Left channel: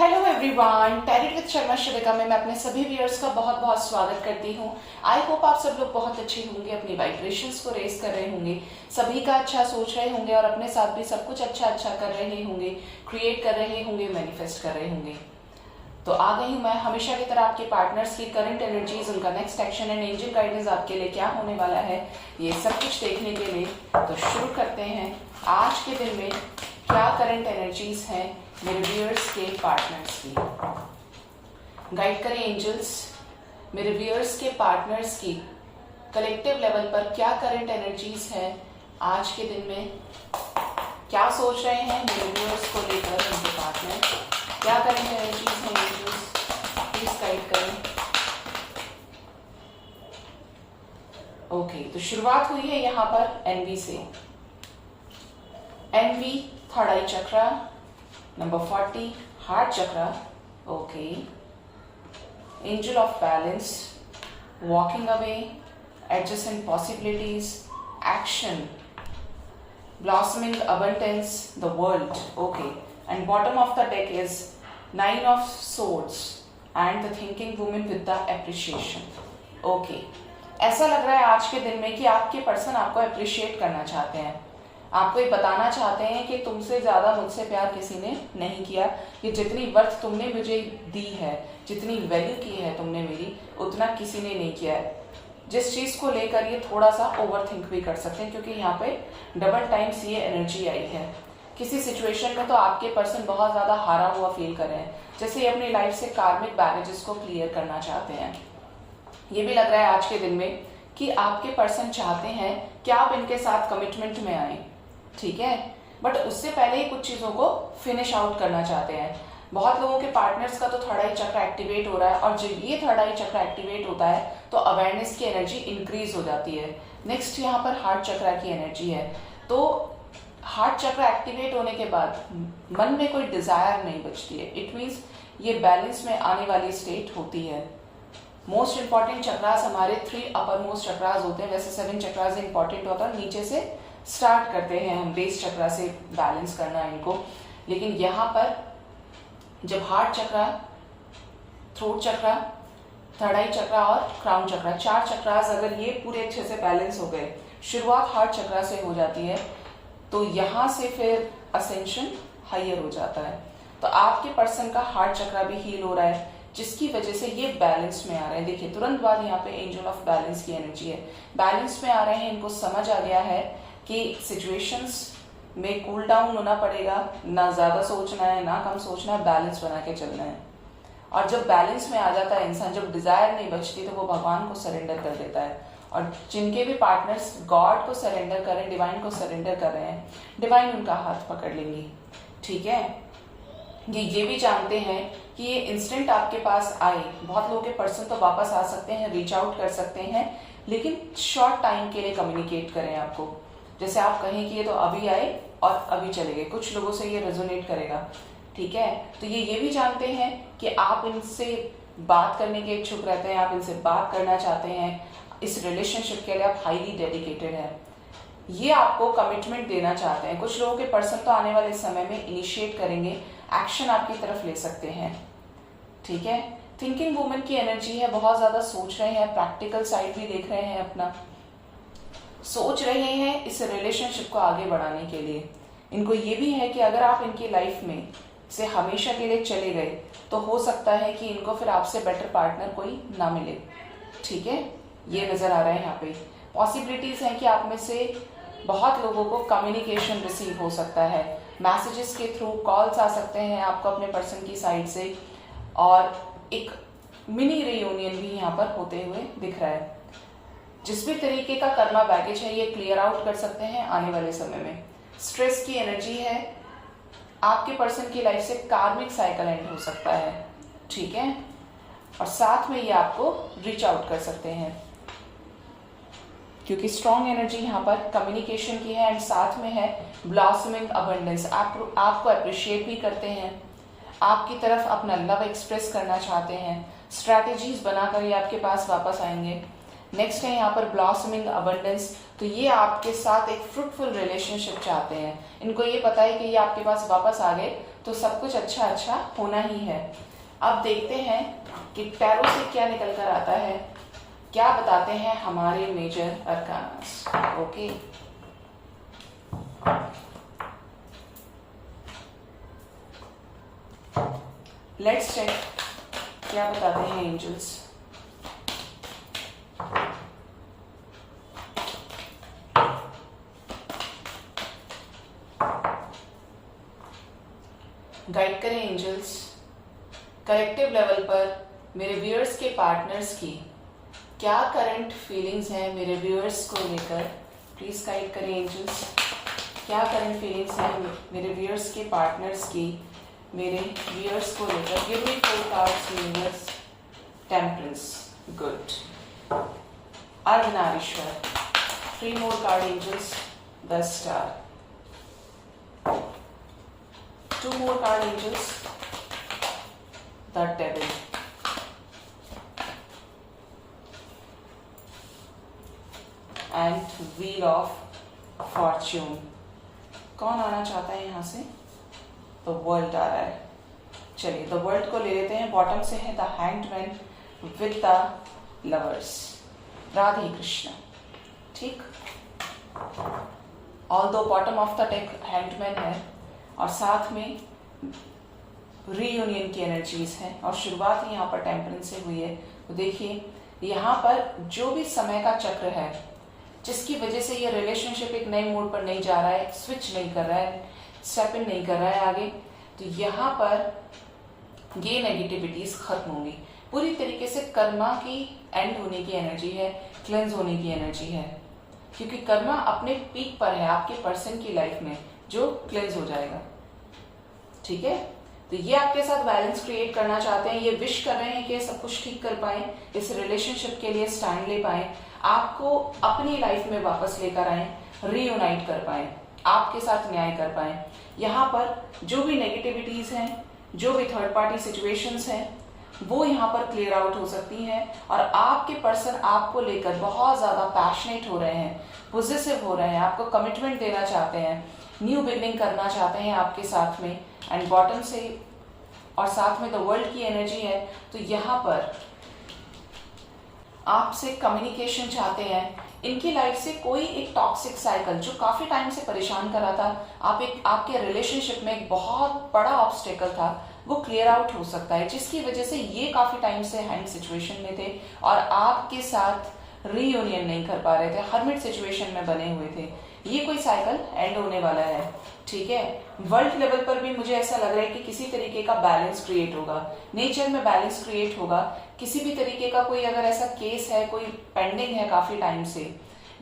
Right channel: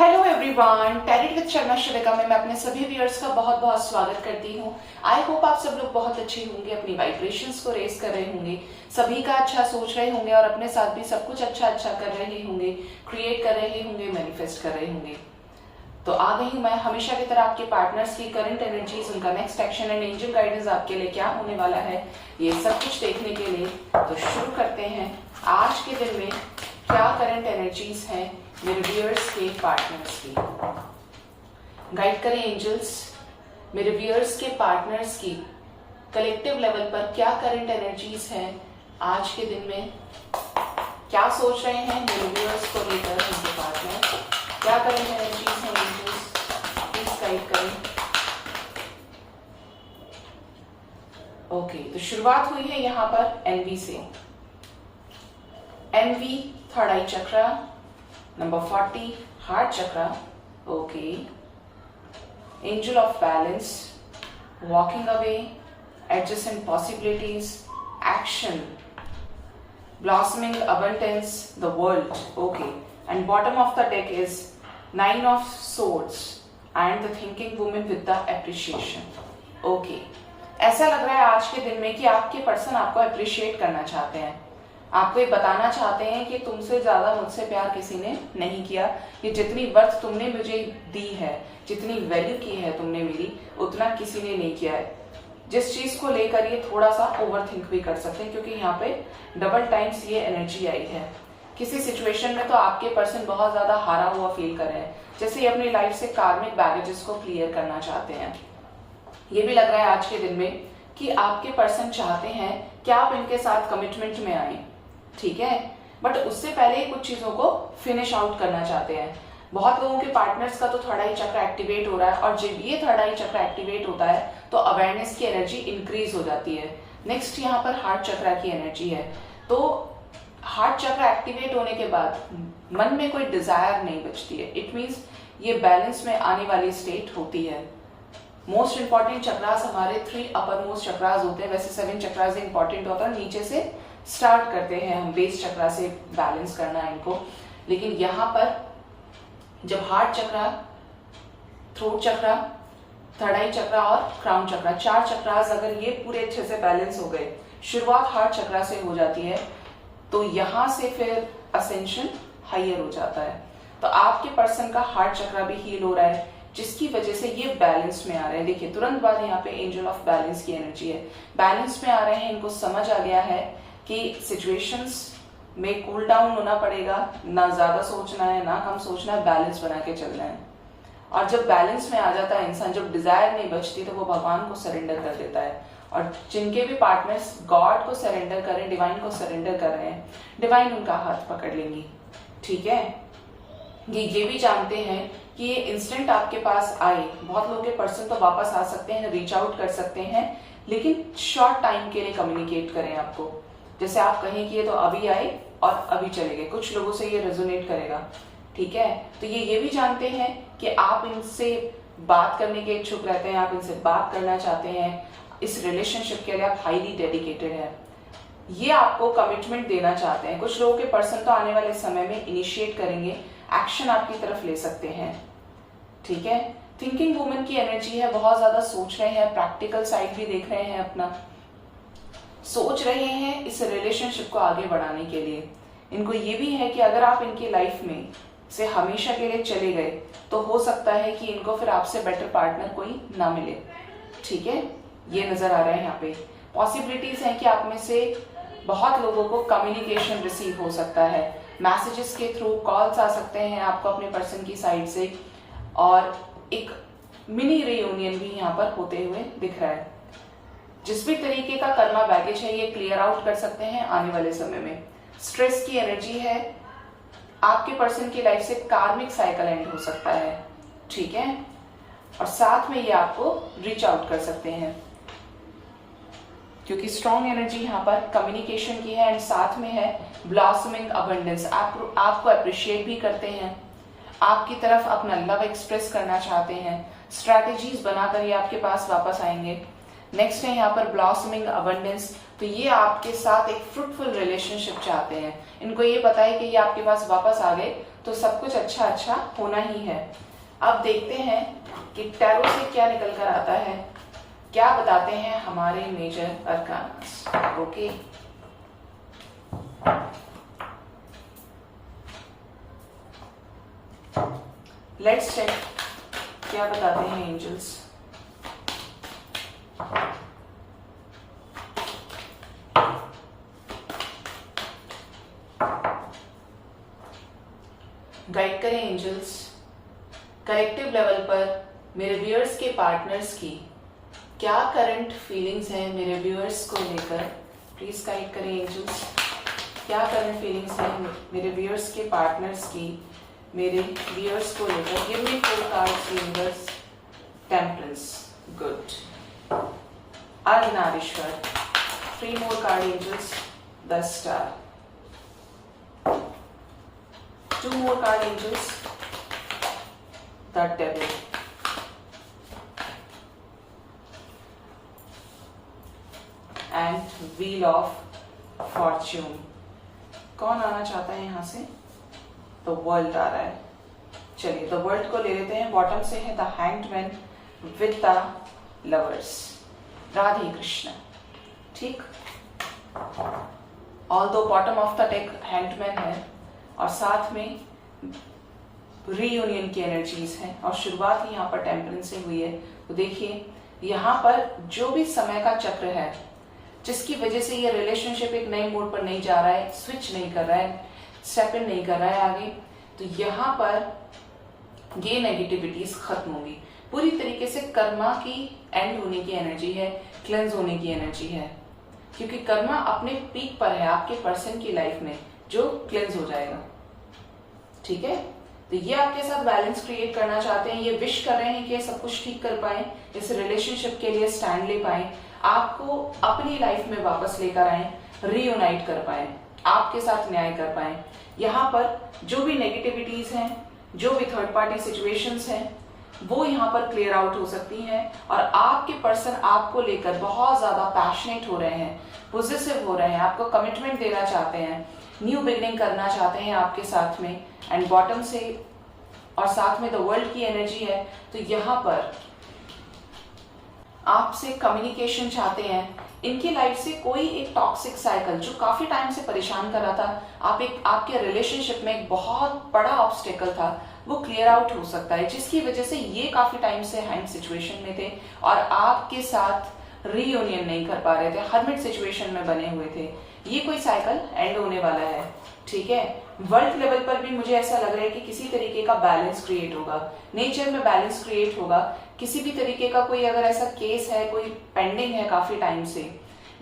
Hello everyone, tarot with Sharma Shivika में मैं अपने सभी व्यूअर्स का बहुत बहुत स्वागत करती हूँ। आई होप आप सब लोग बहुत अच्छे होंगे, अपनी वाइब्रेशंस को रेस कर रहे होंगे, सभी का अच्छा सोच रहे होंगे और अपने साथ भी सब कुछ अच्छा अच्छा कर रहे होंगे, क्रिएट कर रहे होंगे, मैनिफेस्ट कर रहे होंगे। तो आ गई हूँ मैं हमेशा की तरह आपके पार्टनर्स की करंट एनर्जीज, उनका next action and angel guidance आपके लिए क्या होने वाला है, ये सब कुछ देखने के लिए। तो शुरू करते हैं। आज के दिन में क्या करंट एनर्जीज हैं मेरे व्यूअर्स के पार्टनर्स की। गाइड करें एंजल्स, मेरे व्यूअर्स के पार्टनर्स की कलेक्टिव लेवल पर क्या करंट एनर्जीज हैं आज के दिन में, क्या सोच रहे हैं मेरे व्यूअर्स को लेकर उनके पार्टनर, क्या करंट एनर्जीज हैं एंजल्स, प्लीज गाइड करें। ओके, तो शुरुआत हुई है यहाँ पर एनवी से। एनवी third eye chakra, number 40 heart chakra. Okay, angel of balance, walking away, adjacent possibilities, action, blossoming abundance, the world. Okay, and bottom of the deck is 9 of swords and the thinking woman with the appreciation. Okay, ऐसा लग रहा है आज के दिन में कि आपके पर्सन आपको अप्रिशिएट करना चाहते हैं, आपको ये बताना चाहते हैं कि तुमसे ज्यादा मुझसे प्यार किसी ने नहीं किया, ये जितनी वर्थ तुमने मुझे दी है, जितनी वैल्यू की है तुमने मेरी, उतना किसी ने नहीं किया है। जिस चीज को लेकर ये थोड़ा सा ओवर थिंक भी कर सकते हैं, क्योंकि यहाँ पे डबल टाइम्स ये एनर्जी आई है। किसी सिचुएशन में तो आपके पर्सन बहुत ज्यादा हारा हुआ फील कर रहे हैं, जैसे ये अपनी लाइफ से कार्मिक बैगेजेस को क्लियर करना चाहते हैं। ये भी लग रहा है आज के दिन में कि आपके पर्सन चाहते हैं कि आप इनके साथ कमिटमेंट में आए, ठीक है, बट उससे पहले ही कुछ चीजों को फिनिश आउट करना चाहते हैं। बहुत लोगों के पार्टनर्स का तो थर्ड आई चक्र एक्टिवेट हो रहा है, और जब ये थर्ड आई चक्र एक्टिवेट होता है तो अवेयरनेस की एनर्जी इंक्रीज हो जाती है। नेक्स्ट यहाँ पर हार्ट चक्र की एनर्जी है, तो हार्ट चक्र एक्टिवेट होने के बाद मन में कोई डिजायर नहीं बचती है। इट मीन्स ये बैलेंस में आने वाली स्टेट होती है। मोस्ट इंपॉर्टेंट चक्रास हमारे 3 अपर मोस्ट चक्रास होते हैं, वैसे 7 चक्रास इंपॉर्टेंट होता है, नीचे से स्टार्ट करते हैं हम बेस चक्रा से बैलेंस करना इनको। लेकिन यहाँ पर जब हार्ट चक्रा, थ्रोट चक्रा, थर्ड आई चक्रा और क्राउन चक्रा, 4 चक्रास अगर ये पूरे अच्छे से बैलेंस हो गए, शुरुआत हार्ट चक्रा से हो जाती है, तो यहां से फिर असेंशन हायर हो जाता है। तो आपके पर्सन का हार्ट चक्रा भी हील हो रहा है, जिसकी वजह से ये बैलेंस में आ रहे हैं। देखिए तुरंत बाद यहाँ पे एंजल ऑफ बैलेंस की एनर्जी है, बैलेंस में आ रहे हैं। इनको समझ आ गया है कि सिचुएशंस में कूल डाउन होना पड़ेगा, ना ज्यादा सोचना है ना कम सोचना है, बैलेंस बना के चलना है। और जब बैलेंस में आ जाता है इंसान, जब डिजायर नहीं बचती, तो वो भगवान को सरेंडर कर देता है। और जिनके भी पार्टनर्स गॉड को सरेंडर कर रहे हैं, डिवाइन को सरेंडर कर रहे हैं, डिवाइन उनका हाथ पकड़ लेंगी, ठीक है। ये भी जानते हैं कि ये इंस्टेंट आपके पास आए। बहुत लोगों के पर्सन तो वापस आ सकते हैं, रीच आउट कर सकते हैं, लेकिन शॉर्ट टाइम के लिए कम्युनिकेट करें आपको। जैसे आप कहें कि ये तो अभी आए और अभी चले गए, कुछ लोगों से ये रेजोनेट करेगा, ठीक है। तो ये भी जानते हैं कि आप इनसे बात करने के इच्छुक रहते हैं, आप इनसे बात करना चाहते हैं, इस रिलेशनशिप के लिए आप हाईली डेडिकेटेड हैं, ये आपको कमिटमेंट देना चाहते हैं। कुछ लोगों के पर्सन तो आने वाले समय में इनिशिएट करेंगे, एक्शन आपकी तरफ ले सकते हैं, ठीक है। थिंकिंग वुमन की एनर्जी है, बहुत ज्यादा सोच रहे हैं, प्रैक्टिकल साइड भी देख रहे हैं, अपना सोच रहे हैं इस रिलेशनशिप को आगे बढ़ाने के लिए। इनको ये भी है कि अगर आप इनकी लाइफ में से हमेशा के लिए चले गए, तो हो सकता है कि इनको फिर आपसे बेटर पार्टनर कोई ना मिले, ठीक है। ये नजर आ रहा है यहाँ पे। पॉसिबिलिटीज है कि आप में से बहुत लोगों को कम्युनिकेशन रिसीव हो सकता है, मैसेजेस के थ्रू, कॉल्स आ सकते हैं आपको अपने पर्सन की साइड से, और एक मिनी रियूनियन भी यहाँ पर होते हुए दिख रहा है। जिस भी तरीके का कर्मा बैगेज है ये क्लियर आउट कर सकते हैं आने वाले समय में। स्ट्रेस की एनर्जी है, आपके पर्सन की लाइफ से कार्मिक साइकिल एंड हो सकता है, ठीक है, और साथ में ये आपको रीच आउट कर सकते हैं, क्योंकि स्ट्रॉन्ग एनर्जी यहाँ पर कम्युनिकेशन की है, एंड साथ में है ब्लॉसमिंग अबंडेंस। आपको अप्रिशिएट भी करते हैं, आपकी तरफ अपना लव एक्सप्रेस करना चाहते हैं, स्ट्रैटेजीज बनाकर ये आपके पास वापस आएंगे। नेक्स्ट है यहाँ पर ब्लॉसमिंग अबंडेंस, तो ये आपके साथ एक फ्रूटफुल रिलेशनशिप चाहते हैं। इनको ये पता है कि ये आपके पास वापस आ गए तो सब कुछ अच्छा अच्छा होना ही है। अब देखते हैं कि टैरो से क्या निकल कर आता है, क्या बताते हैं हमारे मेजर अरकानास। ओके, लेट्स चेक क्या बताते हैं एंजल्स। गाइड करें एंजल्स, कलेक्टिव लेवल पर मेरे व्यूअर्स के पार्टनर्स की क्या करंट फीलिंग्स हैं मेरे व्यूअर्स को लेकर। प्लीज गाइड करें एंजल्स, क्या करंट फीलिंग्स हैं मेरे व्यूअर्स के पार्टनर्स की मेरे व्यूअर्स को लेकर। Give me 4 cards universe. Temperance, good. Ardhanarishvara, 3 more card angels, the star। 2 more card angels, the devil। and wheel of fortune। कौन आना चाहता है यहां से? द वर्ल्ड आ रहा है। चलिए द वर्ल्ड को ले लेते हैं। बॉटम से है the hanged man with the lovers. Radhe Krishna, ठीक। Although bottom of the deck hanged man है और साथ में रीयूनियन की एनर्जीज है और शुरुआत ही यहाँ पर टेम्परेंस से हुई है। तो देखिए यहाँ पर जो भी समय का चक्र है जिसकी वजह से ये रिलेशनशिप एक नए मोड पर नहीं जा रहा है, स्विच नहीं कर रहा है, स्टेप इन नहीं कर रहा है आगे, तो यहाँ पर ये नेगेटिविटीज खत्म होंगी पूरी तरीके से। कर्मा की एंड होने की एनर्जी है, क्लेंस होने की एनर्जी है, क्योंकि कर्मा अपने पीक पर है आपके पर्सन की लाइफ में जो क्लेंस हो जाएगा। ठीक है, तो ये आपके साथ बैलेंस क्रिएट करना चाहते हैं, ये विश कर रहे हैं कि सब कुछ ठीक कर पाए, इस रिलेशनशिप के लिए स्टैंड ले पाए, आपको अपनी लाइफ में वापस लेकर आए, रीयूनाइट कर पाए, आपके साथ न्याय कर पाए। यहाँ पर जो भी नेगेटिविटीज हैं, जो भी थर्ड पार्टी सिचुएशंस हैं, वो यहाँ पर क्लियर आउट हो सकती हैं और आपके पर्सन आपको लेकर बहुत ज्यादा पैशनेट हो रहे हैं, पॉजिटिव हो रहे हैं, आपको कमिटमेंट देना चाहते हैं, न्यू बिगनिंग करना चाहते हैं आपके साथ में। एंड बॉटम से और साथ में द वर्ल्ड की एनर्जी है, तो यहाँ पर आपसे कम्युनिकेशन चाहते हैं। इनकी लाइफ से कोई एक टॉक्सिक साइकिल जो काफी टाइम से परेशान कर रहा था, आपके रिलेशनशिप में एक बहुत बड़ा ऑब्स्टेकल था, वो क्लियर आउट हो सकता है, जिसकी वजह से ये काफी टाइम से हैंग सिचुएशन में थे और आपके साथ रीयूनियन नहीं कर पा रहे थे, हर्मिट सिचुएशन में बने हुए थे। ये कोई साइकिल एंड होने वाला है। ठीक है, वर्ल्ड लेवल पर भी मुझे ऐसा लग रहा है कि किसी तरीके का बैलेंस क्रिएट होगा, नेचर में बैलेंस क्रिएट होगा। किसी भी तरीके का कोई अगर ऐसा केस है, कोई पेंडिंग है काफी टाइम से,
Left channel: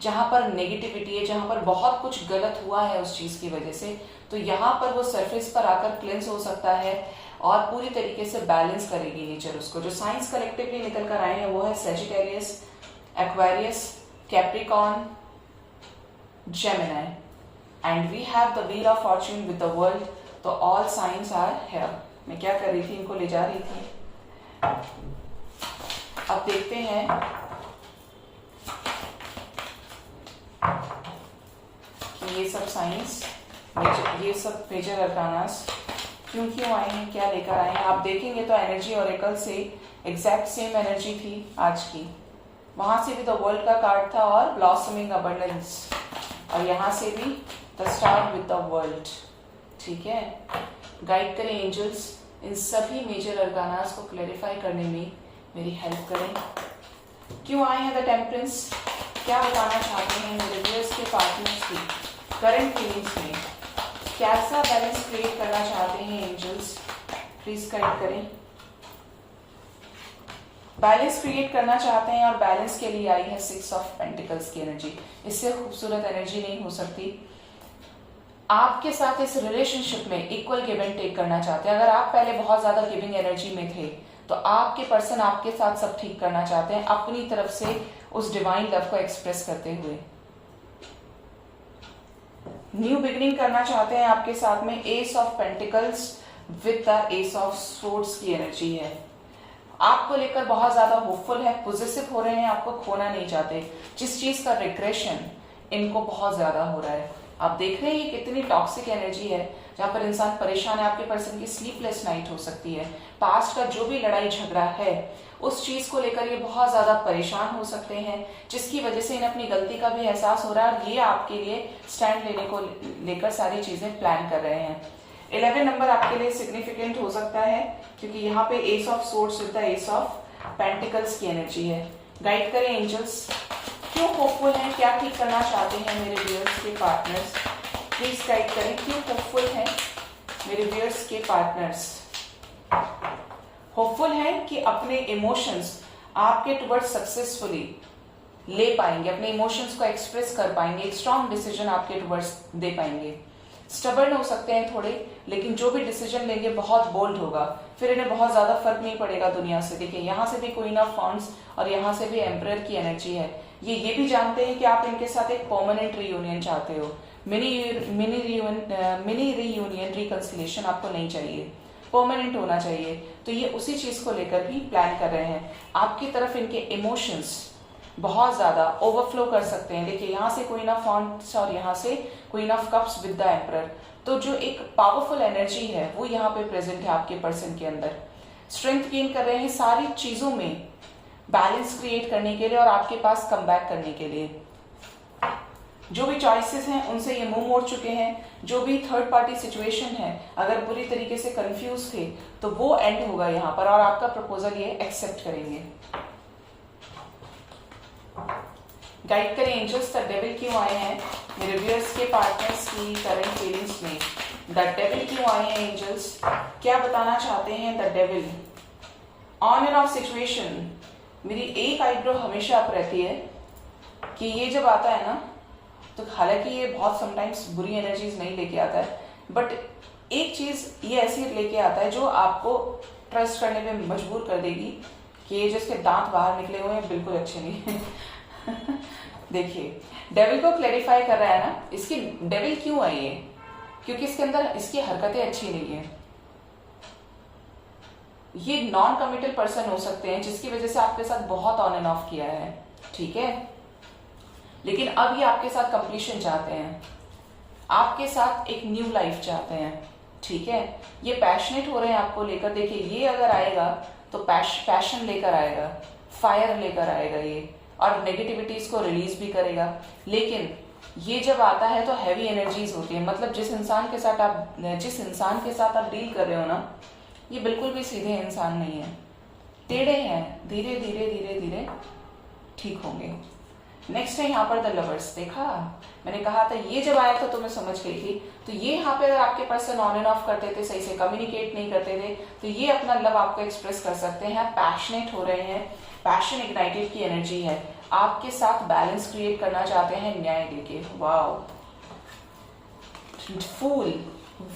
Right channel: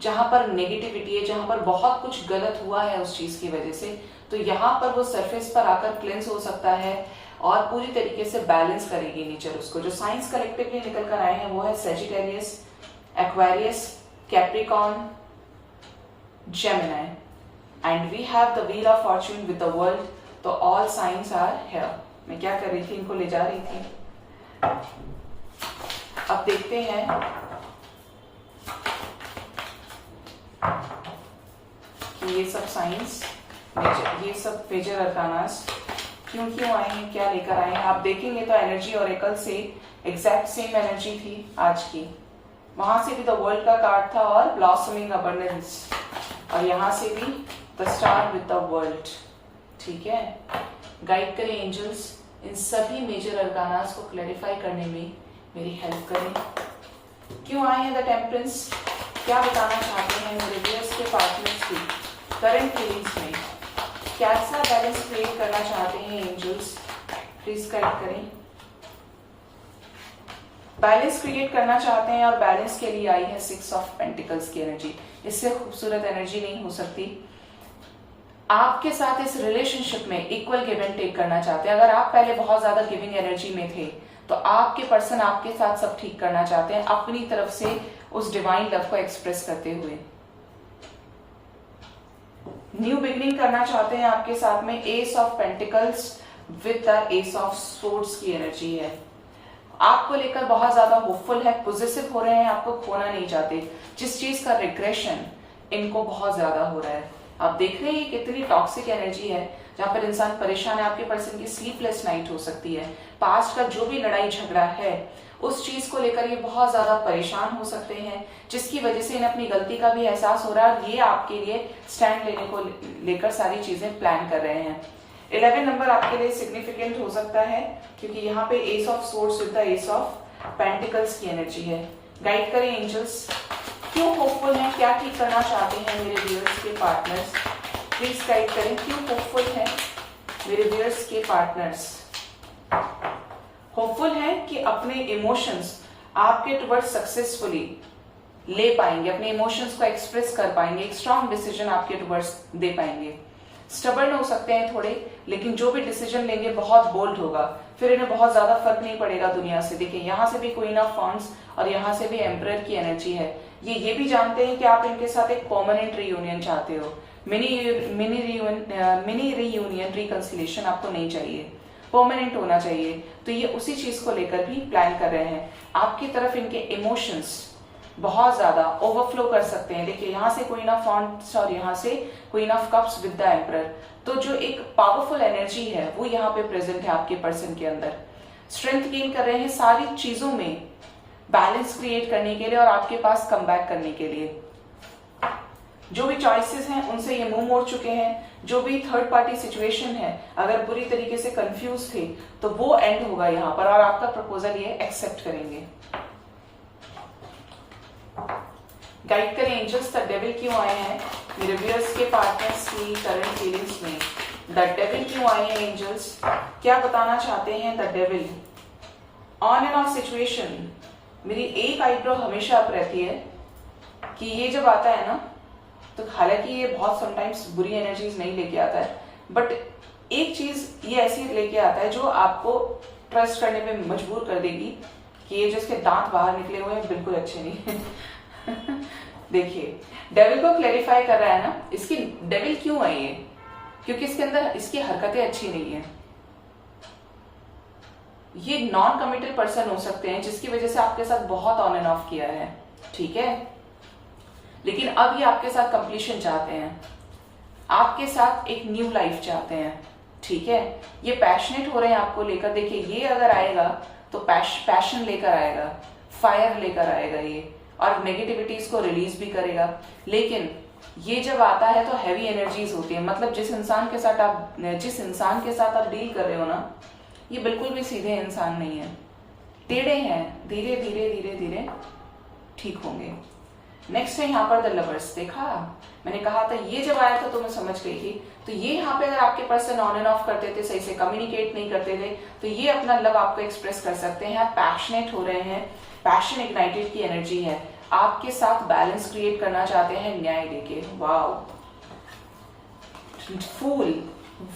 जहां पर नेगेटिविटी है, जहां पर बहुत कुछ गलत हुआ है उस चीज की वजह से, तो यहाँ पर वो सरफेस पर आकर क्लेंस हो सकता है और पूरी तरीके से बैलेंस करेगी नेचर उसको। जो साइंस कलेक्टिवली निकल कर आए हैं वो है Sagittarius, Aquarius, Capricorn, Gemini, and we have the wheel of fortune with the world. तो ऑल साइंस आर हियर। मैं क्या कर रही थी, इनको ले जा रही थी। अब देखते हैं कि ये सब साइंस, ये सब मेजर अरकानास क्यों आए हैं, क्या लेकर आए हैं। आप देखेंगे तो एनर्जी ऑरेकल से एग्जैक्ट सेम एनर्जी थी आज की। वहां से भी द वर्ल्ड का कार्ड था और ब्लॉसमिंग अबंडेंस, और यहां से भी the star with the world. ठीक है, गाइड करें एंजल्स, इन सभी मेजर अरकानास को क्लैरिफाई करने में मेरी हेल्प करें। क्यों आए हैं द टेम्परेंस, क्या बताना चाहते हैं मेरे व्यूअर्स के पार्टनर्स की करंट फीलिंग्स में, कैसा बैलेंस क्रिएट करना चाहते हैं एंजल्स, प्लीज गाइड करें। बैलेंस क्रिएट करना चाहते हैं और बैलेंस के लिए आई है 6 ऑफ पेंटिकल्स की एनर्जी। इससे खूबसूरत एनर्जी नहीं हो सकती। आपके साथ इस रिलेशनशिप में इक्वल गिव एंड टेक करना चाहते हैं। अगर आप पहले बहुत ज्यादा गिविंग एनर्जी में थे तो आपके पर्सन आपके साथ सब ठीक करना चाहते हैं अपनी तरफ से, उस डिवाइन लव को एक्सप्रेस करते हुए। न्यू बिगनिंग करना चाहते हैं आपके साथ में। S of pentacles with the S of swords की एनर्जी है। आपको लेकर बहुत ज्यादा होपफुल है, पॉजिटिव हो रहे हैं, आपको खोना नहीं चाहते। जिस चीज का रिग्रेशन इनको बहुत ज्यादा हो रहा है, आप देख रहे हैं ये कितनी टॉक्सिक एनर्जी है। जहां पर इंसान परेशान है। आपके पर्सन की स्लीपलेस नाइट हो सकती है। पास्ट का जो भी लड़ाई झगड़ा है उस चीज को लेकर ये बहुत ज्यादा परेशान हो सकते हैं, जिसकी वजह से इन्हें अपनी गलती का भी एहसास हो रहा है और ये आपके लिए स्टैंड लेने को लेकर सारी चीजें प्लान कर रहे हैं। 11 नंबर आपके लिए सिग्निफिकेंट हो सकता है क्योंकि यहाँ पे S of swords with the S of pentacles की एनर्जी है। गाइड करें एंजल्स, क्यों होपफुल हैं, क्या ठीक करना चाहते हैं मेरे व्यूअर्स के पार्टनर्स, प्लीज गाइड करें क्यों होपफुल हैं मेरे व्यूअर्स के पार्टनर्स। होपफुल है कि अपने इमोशंस आपके टुवर्ड्स सक्सेसफुली ले पाएंगे, अपने इमोशंस को एक्सप्रेस कर पाएंगे, एक स्ट्रॉन्ग डिसीजन आपके टुवर्ड्स दे पाएंगे। स्टबर्न हो सकते हैं थोड़े, लेकिन जो भी डिसीजन लेंगे बहुत बोल्ड होगा, फिर इन्हें बहुत ज्यादा फर्क नहीं पड़ेगा दुनिया से। देखिए यहाँ से भी क्वीन ऑफ वांड्स और यहाँ से भी एम्परर की एनर्जी है। ये भी जानते हैं कि आप इनके साथ एक परमानेंट रीयूनियन चाहते हो, मिनी रीयूनियन रिकंसिलिएशन आपको नहीं चाहिए, परमानेंट होना चाहिए। तो ये उसी चीज को लेकर भी प्लान कर रहे हैं। आपकी तरफ इनके इमोशंस बहुत ज्यादा ओवरफ्लो कर सकते हैं। देखिए यहाँ से क्वीन ऑफ वांड्स और यहाँ से queen of cups with the emperor, तो जो एक पावरफुल एनर्जी है वो यहाँ पे प्रेजेंट है आपके पर्सन के अंदर। स्ट्रेंथ गेन कर रहे हैं सारी चीजों में बैलेंस क्रिएट करने के लिए और आपके पास कम बैक करने के लिए। जो भी चॉइसेस हैं उनसे ये मुंह मोड़ चुके हैं। जो भी थर्ड पार्टी सिचुएशन है, अगर बुरी तरीके से कंफ्यूज थे तो वो एंड होगा यहाँ पर और आपका प्रपोजल ये एक्सेप्ट करेंगे। गाइड करें एंजल्स, द डेविल क्यों आए हैं मेरे व्यूअर्स के पार्टनर्स की करंट फीलिंग्स में। द डेविल क्यों आए हैं एंजल्स, क्या बताना चाहते हैं the devil. On end of situation, मेरी एक आईब्रो हमेशा अप रहती है कि ये जब आता है ना, तो हालांकि ये बहुत समटाइम्स बुरी एनर्जीज नहीं लेके आता है, बट एक चीज ये ऐसी लेके आता है जो आपको ट्रस्ट करने में मजबूर कर देगी कि ये जो इसके दांत बाहर निकले हुए हैं बिल्कुल अच्छे नहीं देखिए डेविल को क्लेरिफाई कर रहा है ना, इसकी डेविल क्यों आई है, क्योंकि इसके अंदर इसकी हरकतें अच्छी नहीं है। ये नॉन कमिटेड पर्सन हो सकते हैं जिसकी वजह से आपके साथ बहुत ऑन एंड ऑफ किया है, ठीक है, लेकिन अब ये आपके साथ कंप्लीशन चाहते हैं, आपके साथ एक न्यू लाइफ चाहते हैं, ठीक है। ये पैशनेट हो रहे हैं आपको लेकर। देखिए ये अगर आएगा तो पैशन लेकर आएगा, फायर लेकर आएगा ये, और नेगेटिविटीज को रिलीज भी करेगा। लेकिन ये जब आता है तो हैवी एनर्जीज होती है, मतलब जिस इंसान के साथ आप डील कर रहे हो ना, ये बिल्कुल भी सीधे इंसान नहीं है, टेढ़े हैं, धीरे धीरे धीरे धीरे ठीक होंगे। नेक्स्ट है यहाँ पर द लवर्स। देखा मैंने कहा था ये जब आया था तो मैं समझ गई थी। तो ये यहाँ पे अगर आपके पर्सन ऑन एंड ऑफ करते थे, सही से कम्युनिकेट नहीं करते थे, तो ये अपना लव आपको एक्सप्रेस कर सकते हैं। पैशनेट हो रहे हैं, पैशन इग्नाइटेड की एनर्जी है, आपके साथ बैलेंस क्रिएट करना चाहते हैं न्याय देके। Wow, fool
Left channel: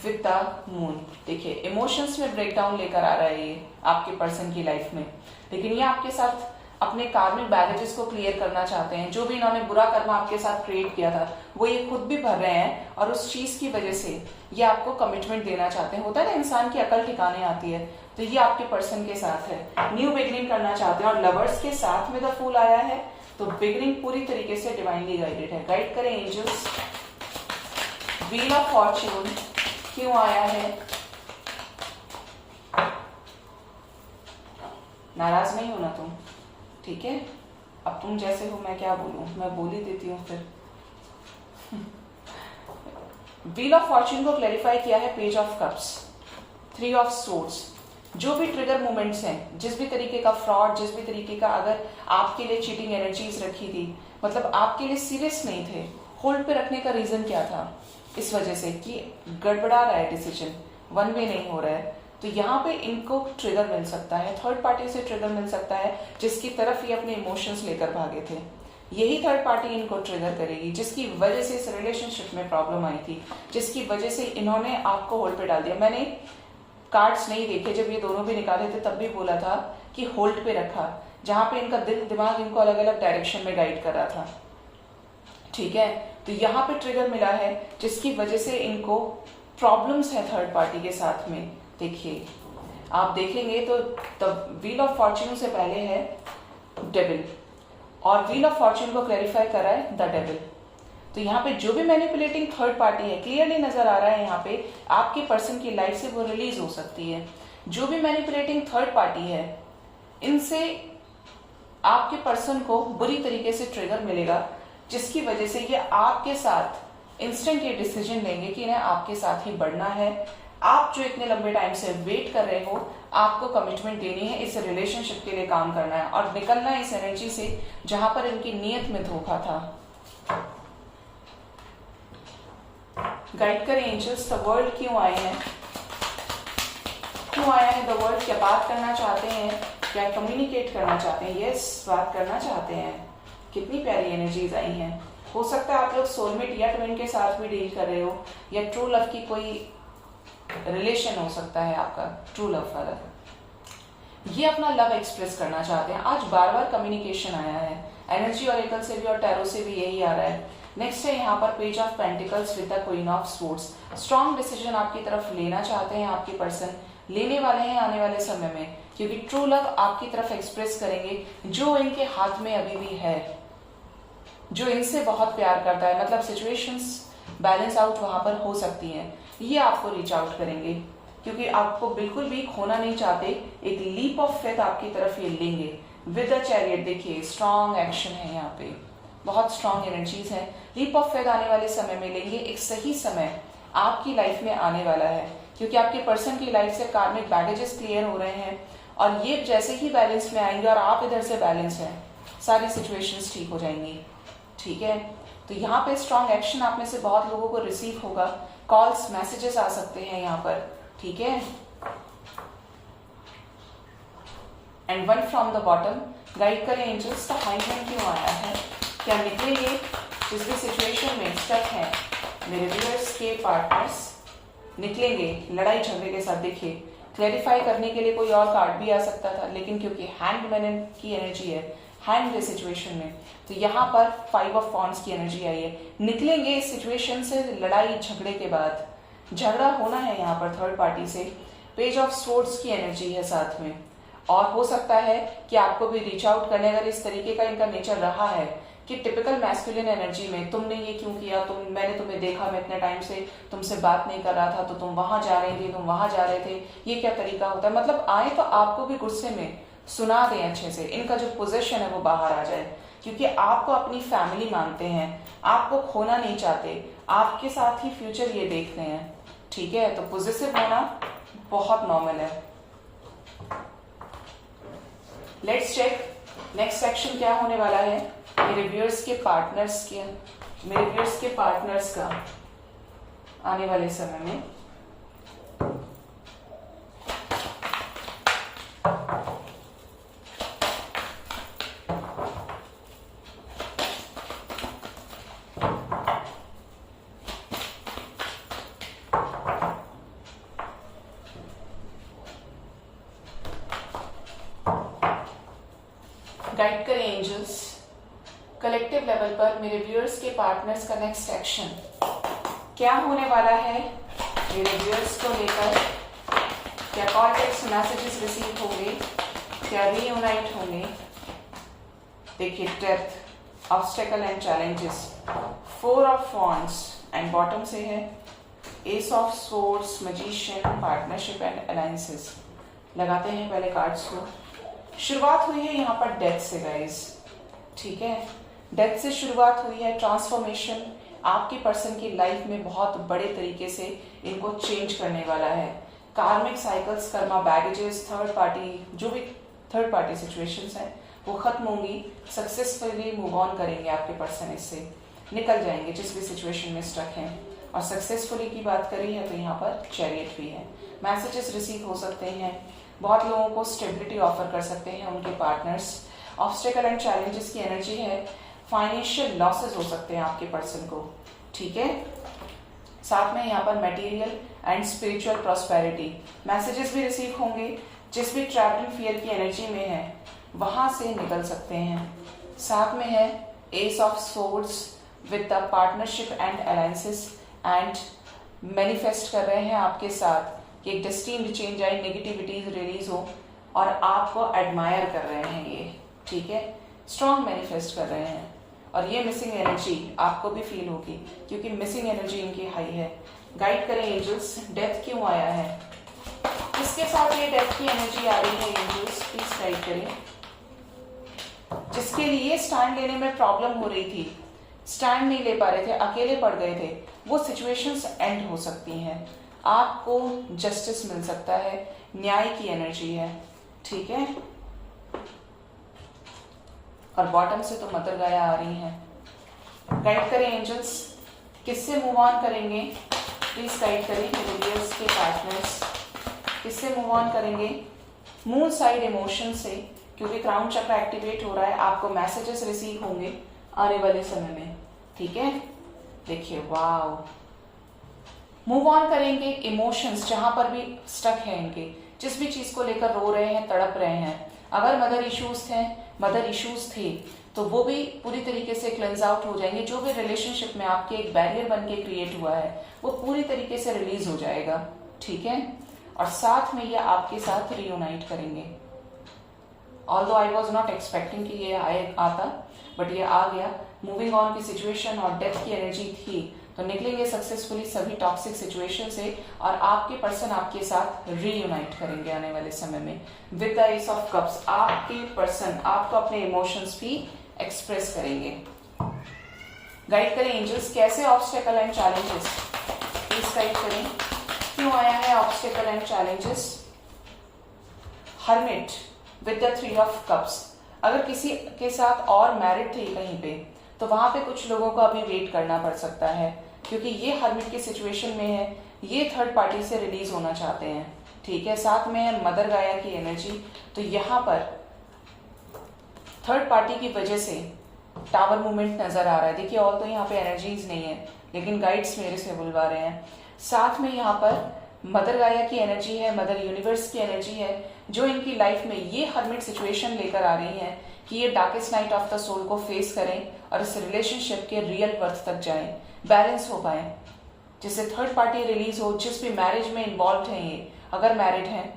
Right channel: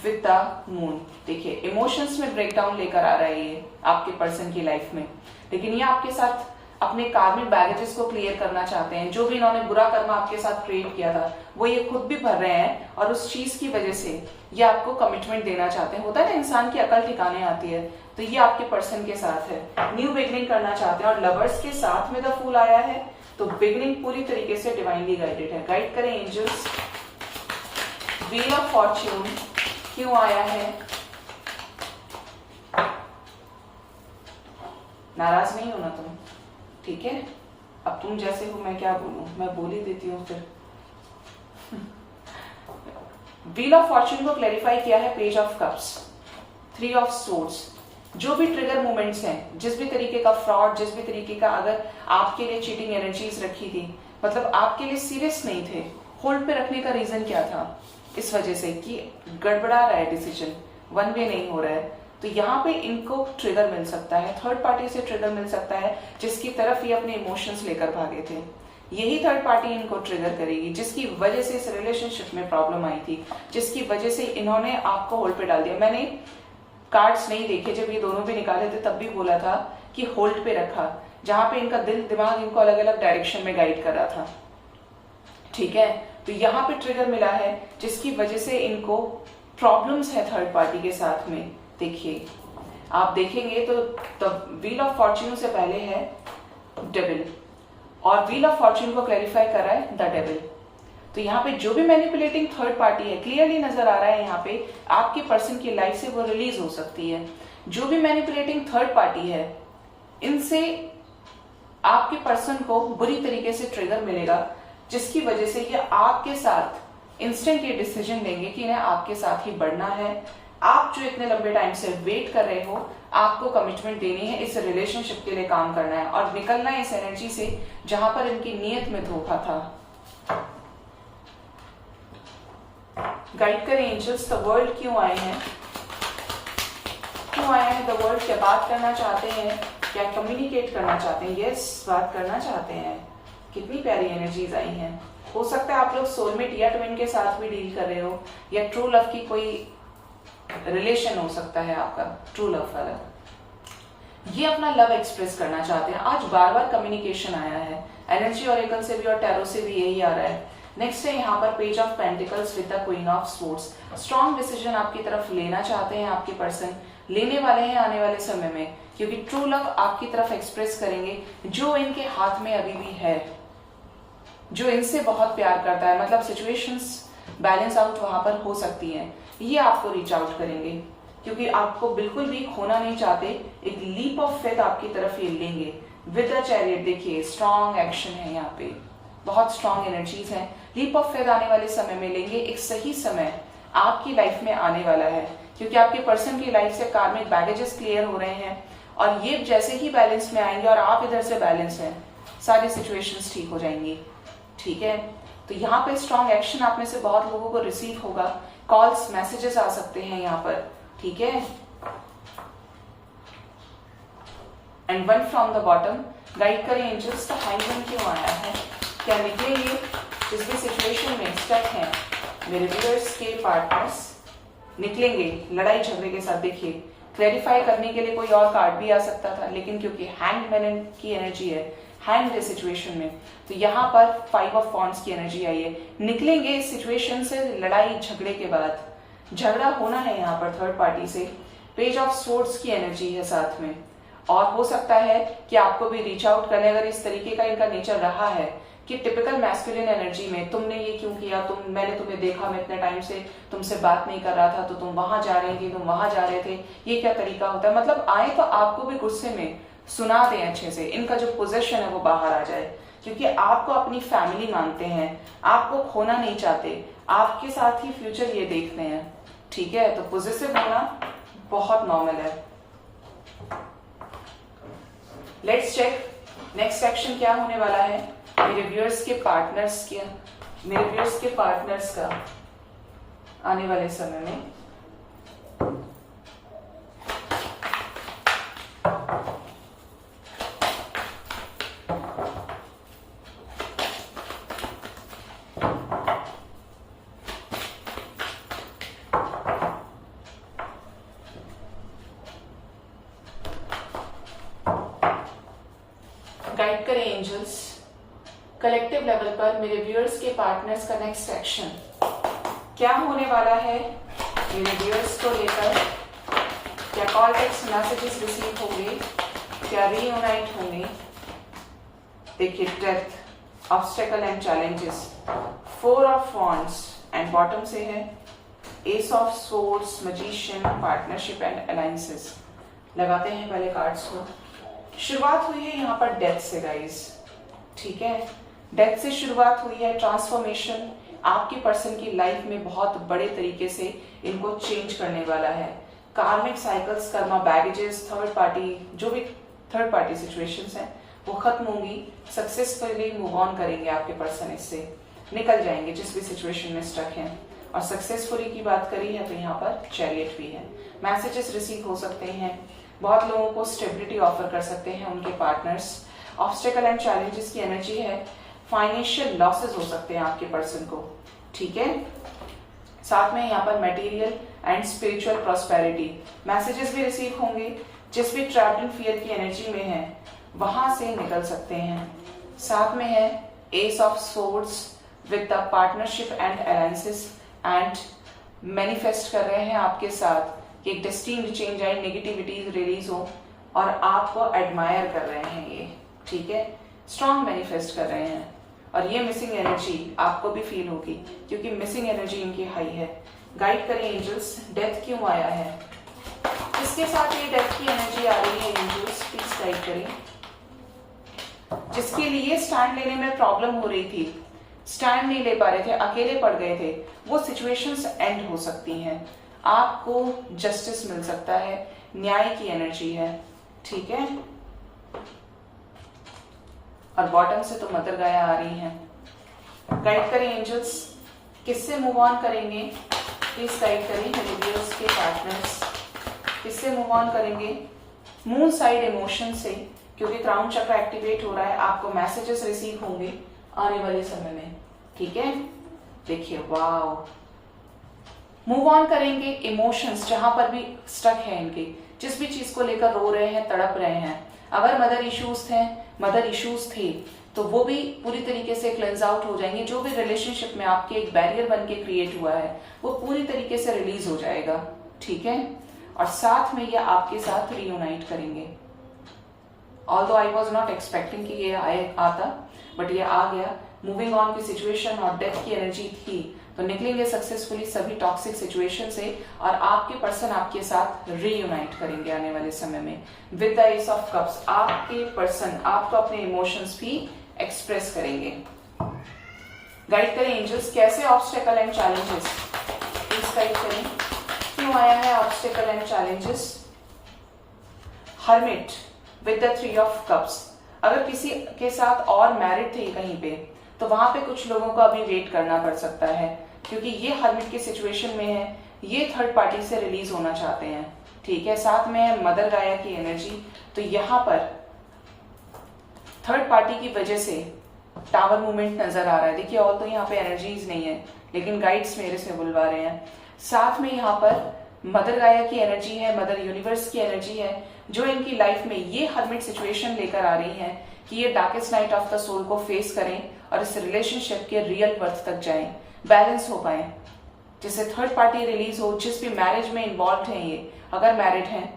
with the moon. देखिए इमोशंस में ब्रेकडाउन लेकर आ रहा है ये आपके पर्सन की लाइफ में, लेकिन ये आपके साथ अपने कार्मिक बैगेजेस को क्लियर करना चाहते हैं। जो भी इन्होंने बुरा कर्म आपके साथ क्रिएट किया था वो ये खुद भी भर रहे हैं, और उस चीज की वजह से ये आपको कमिटमेंट देना चाहते हैं। होता है ना इंसान की अकल ठिकाने आती है, तो ये आपके पर्सन के साथ है, न्यू बिगिनिंग करना चाहते हैं। और लवर्स के साथ में द फूल आया है तो बिगिनिंग पूरी तरीके से डिवाइनली गाइडेड है। गाइड करें एंजल्स, व्हील ऑफ फॉर्च्यून क्यों आया है। नाराज नहीं होना तुम, ठीक है, अब तुम जैसे हो मैं क्या बोलूं, मैं बोल ही देती हूँ फिर। व्हील ऑफ फॉर्च्यून को क्लैरिफाई किया है page of cups, 3 of swords. जो भी ट्रिगर मोमेंट्स हैं, जिस भी तरीके का फ्रॉड, जिस भी तरीके का अगर आपके लिए चीटिंग एनर्जीज रखी थी, मतलब आपके लिए सीरियस नहीं थे, होल्ड पे रखने का रीजन क्या था, इस वजह से कि गड़बड़ा रहा है डिसीजन, वन वे नहीं हो रहा है, तो यहाँ पे इनको ट्रिगर मिल सकता है, थर्ड पार्टी से ट्रिगर मिल सकता है जिसकी तरफ ये अपने इमोशंस लेकर भागे थे। यही थर्ड पार्टी इनको ट्रिगर करेगी जिसकी वजह से इस रिलेशनशिप में प्रॉब्लम आई थी, जिसकी वजह से इन्होंने आपको होल्ड पे डाल दिया। मैंने कार्ड्स नहीं देखे, जब ये दोनों भी निकाले थे तब भी बोला था कि होल्ड पे रखा, जहां पे इनका दिल दिमाग इनको अलग अलग डायरेक्शन में गाइड कर रहा था, ठीक है। तो यहाँ पे ट्रिगर मिला है जिसकी वजह से इनको प्रॉब्लम्स है थर्ड पार्टी के साथ में। देखिए आप देखेंगे तो द व्हील ऑफ फॉर्च्यून से पहले है डेविल, और व्हील ऑफ फॉर्च्यून को क्लैरिफाई कर रहा है द डेविल। तो यहाँ पे जो भी मैनिपुलेटिंग थर्ड पार्टी है, क्लियरली नजर आ रहा है यहाँ पे आपके पर्सन की लाइफ से वो रिलीज हो सकती है। जो भी मैनिपुलेटिंग थर्ड पार्टी है, इनसे आपके पर्सन को बुरी तरीके से ट्रिगर मिलेगा, जिसकी वजह से ये आपके साथ इंस्टेंट ये डिसीजन लेंगे कि इन्हें आपके साथ ही बढ़ना है। आप जो इतने लंबे टाइम से वेट कर रहे हो, आपको कमिटमेंट देनी है, इस रिलेशनशिप के लिए काम करना है और निकलना है इस एनर्जी से जहां पर इनकी नीयत में धोखा था। गाइड करें एंजल्स, द वर्ल्ड क्यों आए हैं, क्यों आया है द वर्ल्ड, क्या बात करना चाहते हैं, क्या कम्युनिकेट करना चाहते हैं? यस, बात करना चाहते हैं। कितनी प्यारी एनर्जीज आई हैं। हो सकता है आप लोग सोलमेट या ट्विन के साथ भी डील कर रहे हो, या ट्रू लव की कोई रिलेशन हो सकता है आपका, ट्रू लव वाला। ये अपना लव एक्सप्रेस करना चाहते हैं। आज बार बार कम्युनिकेशन आया है, एनर्जी ऑरेकल से भी और टैरो से भी यही आ रहा है। नेक्स्ट है यहाँ पर page of pentacles with the queen of swords. Strong decision आपकी तरफ लेना चाहते हैं आपके पर्सन, लेने वाले हैं आने वाले समय में, क्योंकि ट्रू लव आपकी तरफ एक्सप्रेस करेंगे जो इनके हाथ में अभी भी है, जो इनसे बहुत प्यार करता है। मतलब सिचुएशंस बैलेंस आउट वहां पर हो सकती हैं, ये आपको रीच आउट करेंगे क्योंकि आपको बिल्कुल भी खोना नहीं चाहते। एक लीप ऑफ फेथ आपकी तरफ ये लेंगे विद द चैरियट। देखिए स्ट्रॉन्ग एक्शन है यहाँ पे, बहुत स्ट्रॉन्ग एनर्जीज है। लीप ऑफ फेथ आने वाले समय में लेंगे। एक सही समय आपकी लाइफ में आने वाला है, क्योंकि आपके पर्सन की लाइफ से कार्मिक बैगेजेस क्लियर हो रहे हैं और ये जैसे ही बैलेंस में आएंगे और आप इधर से बैलेंस हैं, सारी सिचुएशंस ठीक हो जाएंगी। ठीक है, तो यहाँ पे स्ट्रॉन्ग एक्शन आप में से बहुत लोगों को रिसीव होगा। कॉल्स, मैसेजेस आ सकते हैं यहाँ पर। ठीक है, and one from the bottom, guide करें एंजल्स, का हाईमैन क्यों आया है, क्या निकलेंगे जिस भी सिचुएशन में स्टक हैं मेरे व्यूअर्स के पार्टनर्स, निकलेंगे लड़ाई झगड़े के साथ। देखिए क्लैरिफाई करने के लिए कोई और कार्ड भी आ सकता था, लेकिन क्योंकि हैंडमैन की एनर्जी है हैंड सिचुएशन में, तो यहाँ पर 5 ऑफ वॉन्ड्स की एनर्जी आई है। निकलेंगे इस सिचुएशन से लड़ाई झगड़े के बाद, झगड़ा होना है यहाँ पर थर्ड पार्टी से। पेज ऑफ स्वॉर्ड्स की एनर्जी है साथ में, और हो सकता है कि आपको भी रीच आउट करने, अगर इस तरीके का इनका नेचर रहा है कि टिपिकल मैस्कुलिन एनर्जी में तुमने ये क्यों किया, मैंने तुम्हें देखा, मैं इतने टाइम से तुमसे बात नहीं कर रहा था, तो तुम वहां जा रही थी, तुम वहां जा रहे थे, ये क्या तरीका होता है। मतलब आए तो आपको भी गुस्से में सुना दें अच्छे से, इनका जो पोजीशन है वो बाहर आ जाए, क्योंकि आपको अपनी फैमिली मानते हैं, आपको खोना नहीं चाहते, आपके साथ ही फ्यूचर ये देखते हैं। ठीक है, तो पॉजिटिव होना बहुत नॉर्मल है। लेट्स चेक नेक्स्ट सेक्शन क्या होने वाला है मेरे व्यूअर्स के पार्टनर्स का आने वाले समय में। गाइड करें एंजल्स, कलेक्टिव लेवल पर मेरे व्यूअर्स के पार्टनर्स का नेक्स्ट एक्शन क्या होने वाला है मेरे व्यूअर्स को लेकर। क्या कॉल टेक्स्ट मैसेजेस रिसीव होंगे, क्या रीयूनाइट होंगे। देखिए death, obstacle and challenges, 4 of wands and bottom से है S of swords, magician, partnership and alliances. लगाते हैं पहले कार्ड्स को। शुरुआत हुई है यहाँ पर डेथ से गाइस। ठीक है, डेथ से शुरुआत हुई है। ट्रांसफॉर्मेशन आपके पर्सन की लाइफ में बहुत बड़े तरीके से इनको चेंज करने वाला है। कार्मिक cycles, Karma baggages, third party, जो भी थर्ड पार्टी सिचुएशंस हैं वो खत्म होंगी। सक्सेसफुली मूव ऑन करेंगे आपके पर्सन, इससे निकल जाएंगे जिस भी सिचुएशन में स्टक हैं। और सक्सेसफुली की बात करी है तो यहाँ पर चैरियट भी है। मैसेजेस रिसीव हो सकते हैं, बहुत लोगों को स्टेबिलिटी ऑफर कर सकते हैं उनके पार्टनर्स। ऑब्स्टेकल एंड चैलेंजेस की एनर्जी है। फाइनेंशियल लॉसेस हो सकते हैं आपके पर्सन को। ठीक है, साथ में यहाँ पर material and spiritual prosperity messages भी रिसीव होंगे। जिस भी ट्रैप्ड इन फियर की एनर्जी में है वहां से निकल सकते हैं। साथ में है S of swords with the partnership and alliances, and manifest कर रहे हैं आपके साथ कि एक डेस्टिनी चेंज आए, नेगेटिविटी रिलीज हो और आपको एडमायर कर रहे हैं ये। ठीक है, स्ट्रॉन्ग मैनिफेस्ट कर रहे हैं। और ये मिसिंग एनर्जी आपको भी फील होगी क्योंकि मिसिंग एनर्जी इनकी हाई है। गाइड करें एंजल्स, डेथ क्यों आया है, किसके साथ ये डेथ की एनर्जी आ रही है एंजल्स, प्लीज गाइड करें। जिसके लिए स्टैंड लेने में प्रॉब्लम हो रही थी, स्टैंड नहीं ले पा रहे थे, अकेले पड़ गए थे, वो सिचुएशंस एंड हो सकती हैं, आपको जस्टिस मिल सकता है, न्याय की एनर्जी है, ठीक है। और बॉटम से तो मदर गाया आ रही है। गाइड करें एंजल्स, किससे मूव ऑन करेंगे, प्लीज गाइड करें मेरे व्यूअर्स के पार्टनर्स, किससे मूव ऑन करेंगे। मून साइड इमोशन से, क्योंकि क्राउन चक्र एक्टिवेट हो रहा है, आपको मैसेजेस रिसीव होंगे आने वाले समय में, ठीक है। देखिए वाओ, मूव ऑन करेंगे इमोशंस जहां पर भी स्टक है इनके, जिस भी चीज को लेकर रो रहे हैं, तड़प रहे हैं। अगर मदर इश्यूज थे तो वो भी पूरी तरीके से क्लेंज आउट हो जाएंगे। जो भी रिलेशनशिप में आपके एक बैरियर बन के क्रिएट हुआ है वो पूरी तरीके से रिलीज हो जाएगा, ठीक है। और साथ में ये आपके साथ रियूनाइट करेंगे। Although I was not expecting कि ये आता, बट ये आ गया। मूविंग ऑन की सिचुएशन और डेथ की एनर्जी थी, तो निकलेंगे सक्सेसफुली सभी टॉक्सिक सिचुएशन से और आपके पर्सन आपके साथ रीयूनाइट करेंगे आने वाले समय में। With the S of cups आपके पर्सन आपको अपने इमोशंस भी एक्सप्रेस करेंगे। गाइड करें एंजल्स, कैसे obstacle and challenges, please guide करें, क्यों आया है obstacle and challenges. Hermit with the 3 of cups, अगर किसी के साथ और मैरिड थे कहीं पे तो वहां पे कुछ लोगों को अभी वेट करना पड़ सकता है, क्योंकि ये हर्मिट की सिचुएशन में है, ये थर्ड पार्टी से रिलीज होना चाहते हैं, ठीक है। साथ में है मदर गाया की एनर्जी, तो यहाँ पर थर्ड पार्टी की वजह से टावर मूवमेंट नजर आ रहा है। देखिए और तो यहाँ पे एनर्जीज नहीं है, लेकिन गाइड्स मेरे से बुलवा रहे हैं। साथ में यहाँ पर मदर गाया की एनर्जी है, मदर यूनिवर्स की एनर्जी है, जो इनकी लाइफ में ये हर्मिट सिचुएशन लेकर आ रही है कि ये darkest night of the soul को फेस करें और इस रिलेशनशिप के रियल बर्थ तक जाएं, बैलेंस हो पाए, जिससे थर्ड पार्टी रिलीज हो। जिस भी मैरिज में इन्वॉल्व हैं ये, अगर मैरिड हैं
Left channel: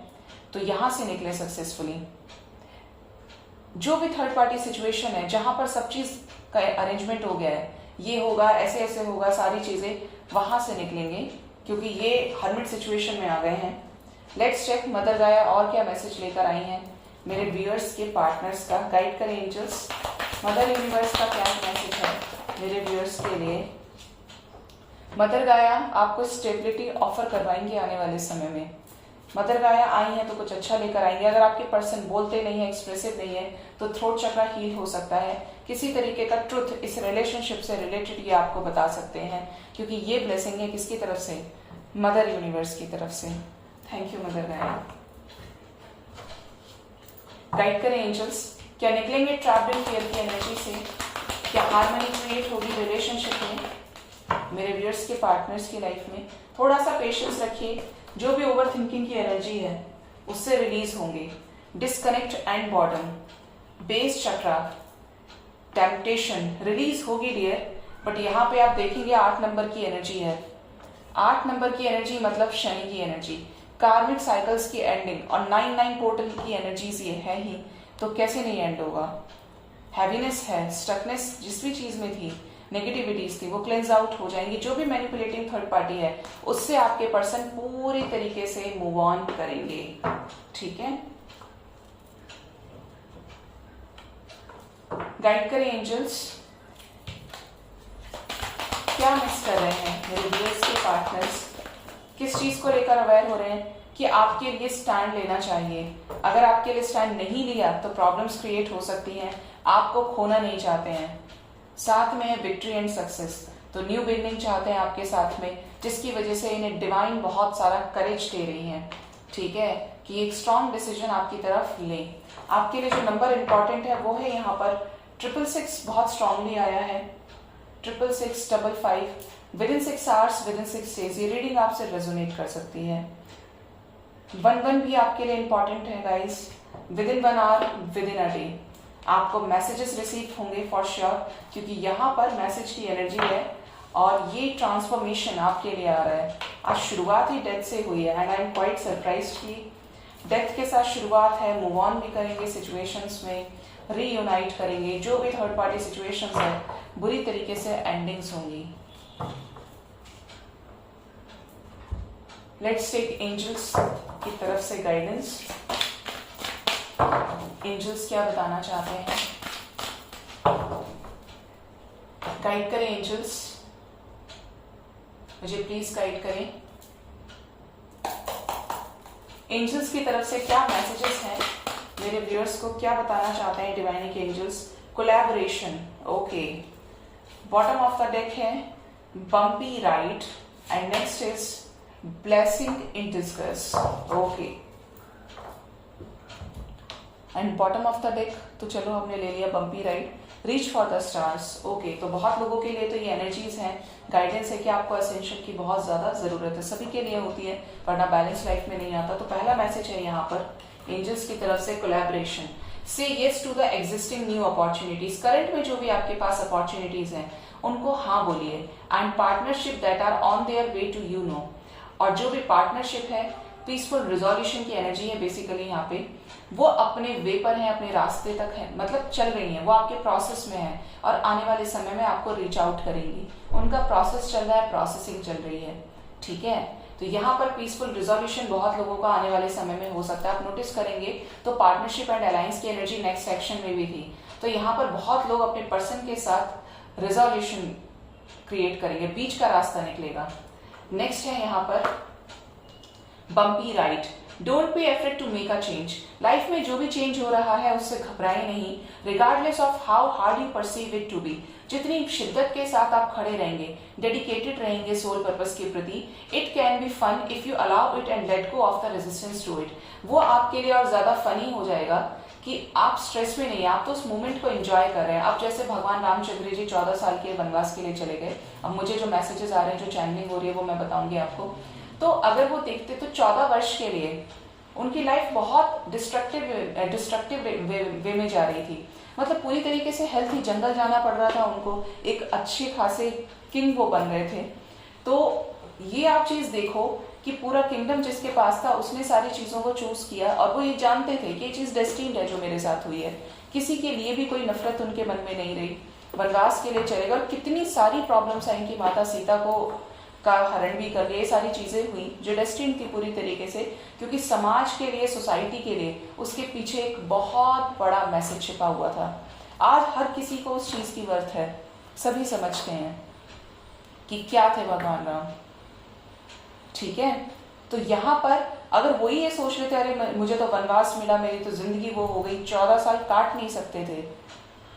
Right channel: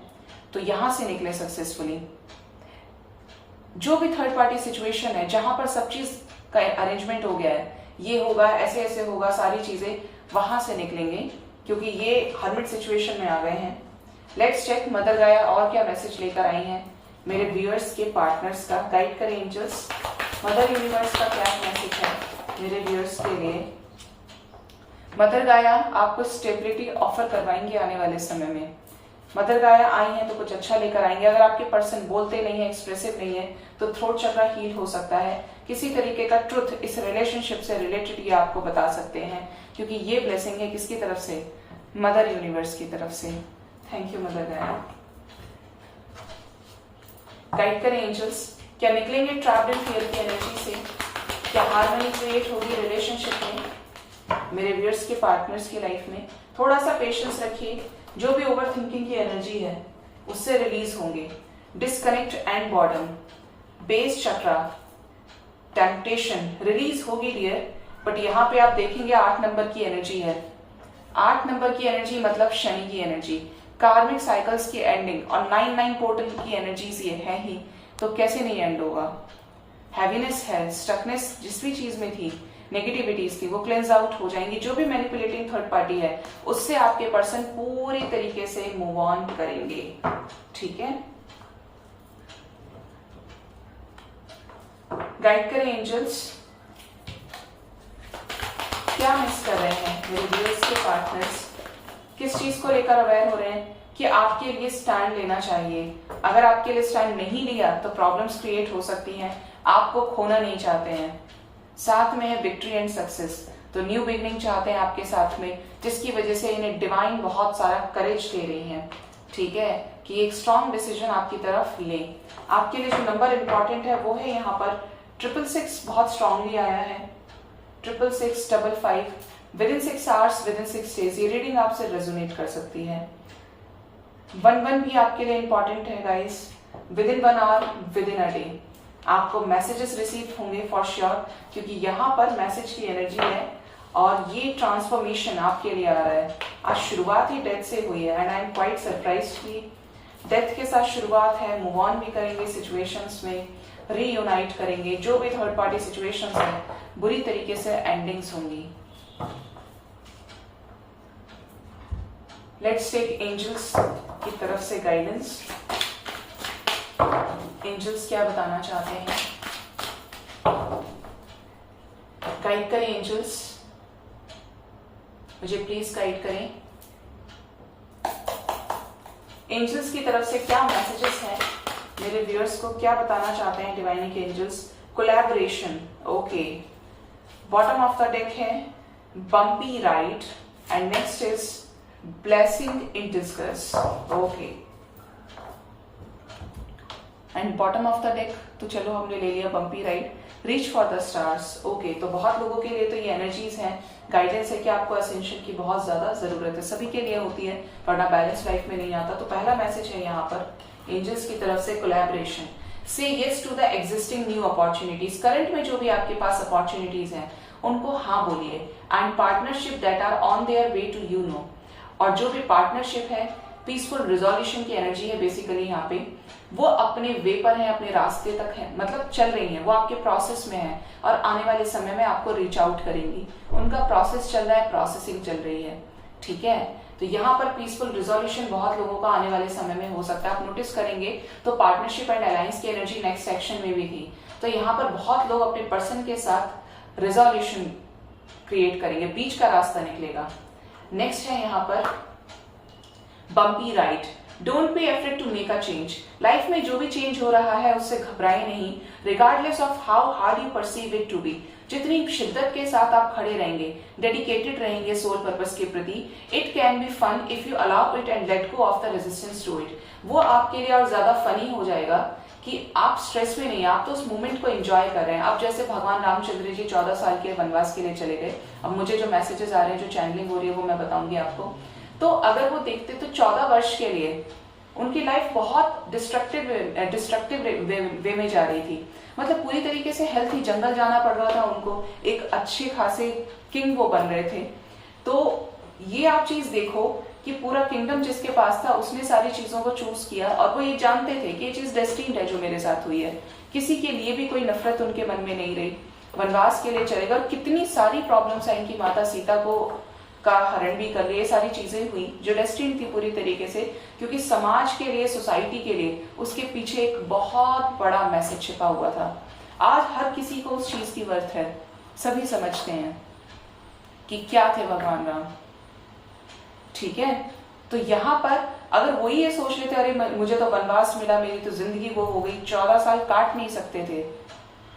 तो यहां से निकले सक्सेसफुली। जो भी थर्ड पार्टी सिचुएशन है जहां पर सब चीज का अरेंजमेंट हो गया है, ये होगा, ऐसे ऐसे होगा, सारी चीजें वहां से निकलेंगे, क्योंकि ये हर्मिट सिचुएशन में आ गए हैं। लेट्स चेक मदर गाया और क्या मैसेज लेकर आई हैं मेरे व्यूअर्स के पार्टनर्स का। गाइड करें एंजल्स, मदर यूनिवर्स का क्या मैसेज है मेरे व्यूअर्स के लिए। मदर गाया आपको स्टेबिलिटी ऑफर करवाएंगे आने वाले समय में। मदर गाया आई है तो कुछ अच्छा लेकर आएंगे। अगर आपके पर्सन बोलते नहीं है, एक्सप्रेसिव नहीं है, तो थ्रोट चक्र हील हो सकता है। किसी तरीके का ट्रुथ इस रिलेशनशिप से रिलेटेड ये आपको बता सकते हैं, क्योंकि ये ब्लेसिंग है किसकी तरफ से, मदर यूनिवर्स की तरफ से। थैंक यू मदर गाया। गाइड करें एंजल्स, क्या निकलेंगे ट्रैप्ड इन फियर की एनर्जी से, क्या हार्मनी क्रिएट होगी रिलेशनशिप में मेरे व्यूअर्स के पार्टनर्स की लाइफ में। थोड़ा सा पेशेंस रखिए, जो भी ओवर थिंकिंग की एनर्जी है उससे रिलीज होंगे। Disconnect and boredom, base chakra, temptation release होगी डियर, बट यहाँ पे आप देखेंगे 8 नंबर की एनर्जी है। 8 नंबर की एनर्जी मतलब शनि की एनर्जी, कार्मिक साइकिल्स की एंडिंग, और 9-9 पोर्टल की एनर्जीज ये है ही, तो कैसे नहीं एंड होगा। हैवीनेस है, स्टकनेस जिस भी चीज में थी, नेगेटिविटीज थी, वो क्लेंस आउट हो जाएंगी। जो भी मैनिपुलेटिंग थर्ड पार्टी है उससे आपके पर्सन पूरी तरीके से मूव ऑन करेंगे, ठीक है। गाइड करें एंजल्स, क्या मिस कर रहे हैं मेरे व्यूअर्स के पार्टनर्स, किस चीज को लेकर अवेयर हो रहे हैं कि आपके लिए स्टैंड लेना चाहिए। अगर आपके लिए स्टैंड नहीं लिया तो प्रॉब्लम्स क्रिएट हो सकती हैं, आपको खोना नहीं चाहते हैं। साथ में है विक्ट्री एंड सक्सेस, तो न्यू बिगनिंग चाहते हैं आपके साथ में, जिसकी वजह से इन्हें डिवाइन बहुत सारा करेज दे रही है, ठीक है, कि एक स्ट्रॉन्ग डिसीजन आपकी तरफ ले। आपके लिए जो नंबर इंपॉर्टेंट है वो है यहाँ पर 666, बहुत स्ट्रांगली आया है। 666, 55 within 6 hours, within 6 days, ये रीडिंग आपसे रेजोनेट कर सकती है। 11 भी आपके लिए इंपॉर्टेंट है guys, within 1 hour, within a day आपको मैसेजेस रिसीव होंगे फॉर श्योर, क्योंकि यहाँ पर मैसेज की एनर्जी है और ये ट्रांसफॉर्मेशन आपके लिए आ रहा है। आज शुरुआत ही डेथ से हुई है and I am quite surprised कि डेथ के साथ शुरुआत है। मूव ऑन भी करेंगे सिचुएशंस में, रीयूनाइट करेंगे। जो भी थर्ड पार्टी सिचुएशंस है बुरी तरीके से एंडिंग्स होंगी। लेट्स टेक एंजल्स की तरफ से गाइडेंस। एंजल्स क्या बताना चाहते हैं, गाइड करें एंजल्स, मुझे प्लीज गाइड करें। एंजल्स की तरफ से क्या मैसेजेस हैं, मेरे व्यूअर्स को क्या बताना चाहते हैं divining angels. Collaboration, okay. Bottom of the deck है bumpy ride and next is blessing in disguise, okay. And bottom of the deck तो चलो हमने ले लिया bumpy ride, reach for the stars, okay. तो बहुत लोगों के लिए तो ये एनर्जीज हैं, गाइडेंस है कि आपको असेंशन की बहुत ज्यादा जरूरत है, सभी के लिए होती है, वरना बैलेंस लाइफ में नहीं आता। तो पहला मैसेज है यहाँ पर एंजल्स की तरफ से कोलैबोरेशन, से yes to the existing new opportunities. Current में जो भी आपके पास अपॉर्चुनिटीज हैं उनको हाँ बोलिए। And partnership that are on their way to you no, और जो भी पार्टनरशिप है पीसफुल रिजोल्यूशन की एनर्जी है बेसिकली यहाँ पे, वो अपने वे पर है, अपने रास्ते तक है, मतलब चल रही है, वो आपके प्रोसेस में है और आने वाले समय में आपको रीच आउट करेंगी। उनका प्रोसेस चल रहा है, प्रोसेसिंग चल रही है, ठीक है। तो यहाँ पर पीसफुल रिजोल्यूशन बहुत लोगों का आने वाले समय में हो सकता है। आप नोटिस करेंगे तो पार्टनरशिप एंड अलायंस की एनर्जी नेक्स्ट सेक्शन में भी थी, तो यहाँ पर बहुत लोग अपने पर्सन के साथ रिजोल्यूशन क्रिएट करेंगे, बीच का रास्ता निकलेगा। नेक्स्ट है यहाँ पर bumpy ride, don't be afraid to make a change. Life में जो भी चेंज हो रहा है उससे घबराए नहीं, regardless of how hard you perceive it to be. जितनी शिद्दत के साथ आप खड़े रहेंगे, डेडिकेटेड रहेंगे सोल पर्पस के प्रति, it can be fun if you allow it and let go of the resistance to it. वो आपके लिए और ज्यादा फनी हो जाएगा कि आप स्ट्रेस में नहीं, आप तो उस मोमेंट को एंजॉय कर रहे हैं। अब जैसे भगवान रामचंद्र जी 14 साल के वनवास के लिए चले गए, अब मुझे जो मैसेजेस आ रहे हैं, जो चैनलिंग हो रही है वो मैं बताऊंगी आपको। तो अगर वो देखते तो 14 वर्ष के लिए उनकी लाइफ बहुत डिस्ट्रक्टिव वे में जा रही थी, मतलब पूरी तरीके से हेल्थी, जंगल जाना पड़ रहा था उनको, एक अच्छे खासे किंग वो बन रहे थे। तो ये आप चीज देखो कि पूरा किंगडम जिसके पास था उसने सारी चीजों को चूज किया और वो ये जानते थे कि ये चीज डेस्टिन्ड है जो मेरे साथ हुई है, किसी के लिए भी कोई नफरत उनके मन में नहीं रही, वनवास के लिए चलेगा। और कितनी सारी प्रॉब्लम्स आई, इनकी माता सीता को का हरण भी कर लिया, ये सारी चीजें हुई जो डेस्टिन्ड थी पूरी तरीके से, क्योंकि समाज के लिए, सोसाइटी के लिए उसके पीछे एक बहुत बड़ा मैसेज छिपा हुआ था। आज हर किसी को उस चीज की वर्थ है, सभी समझते हैं कि क्या थे भगवान राम, ठीक है। तो यहाँ पर अगर वही ये सोच लेते अरे मुझे तो वनवास मिला, मेरी तो जिंदगी वो हो गई, 14 साल काट नहीं सकते थे।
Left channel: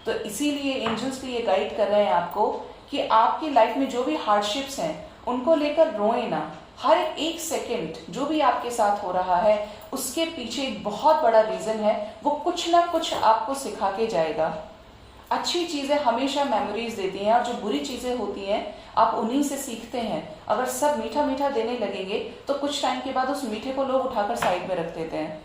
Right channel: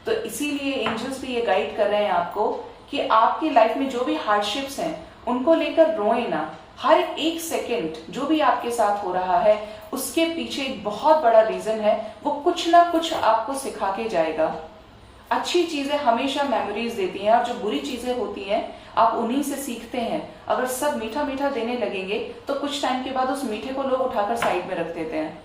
तो इसीलिए एंजल्स भी ये गाइड कर रहे हैं आपको कि आपकी लाइफ में जो भी हार्डशिप्स हैं उनको लेकर रोए ना। हर एक सेकंड जो भी आपके साथ हो रहा है उसके पीछे एक बहुत बड़ा रीजन है, वो कुछ ना कुछ आपको सिखा के जाएगा। अच्छी चीजें हमेशा मेमोरीज देती हैं और जो बुरी चीजें होती हैं आप उन्हीं से सीखते हैं। अगर सब मीठा मीठा देने लगेंगे तो कुछ टाइम के बाद उस मीठे को लोग उठाकर साइड में रख देते हैं,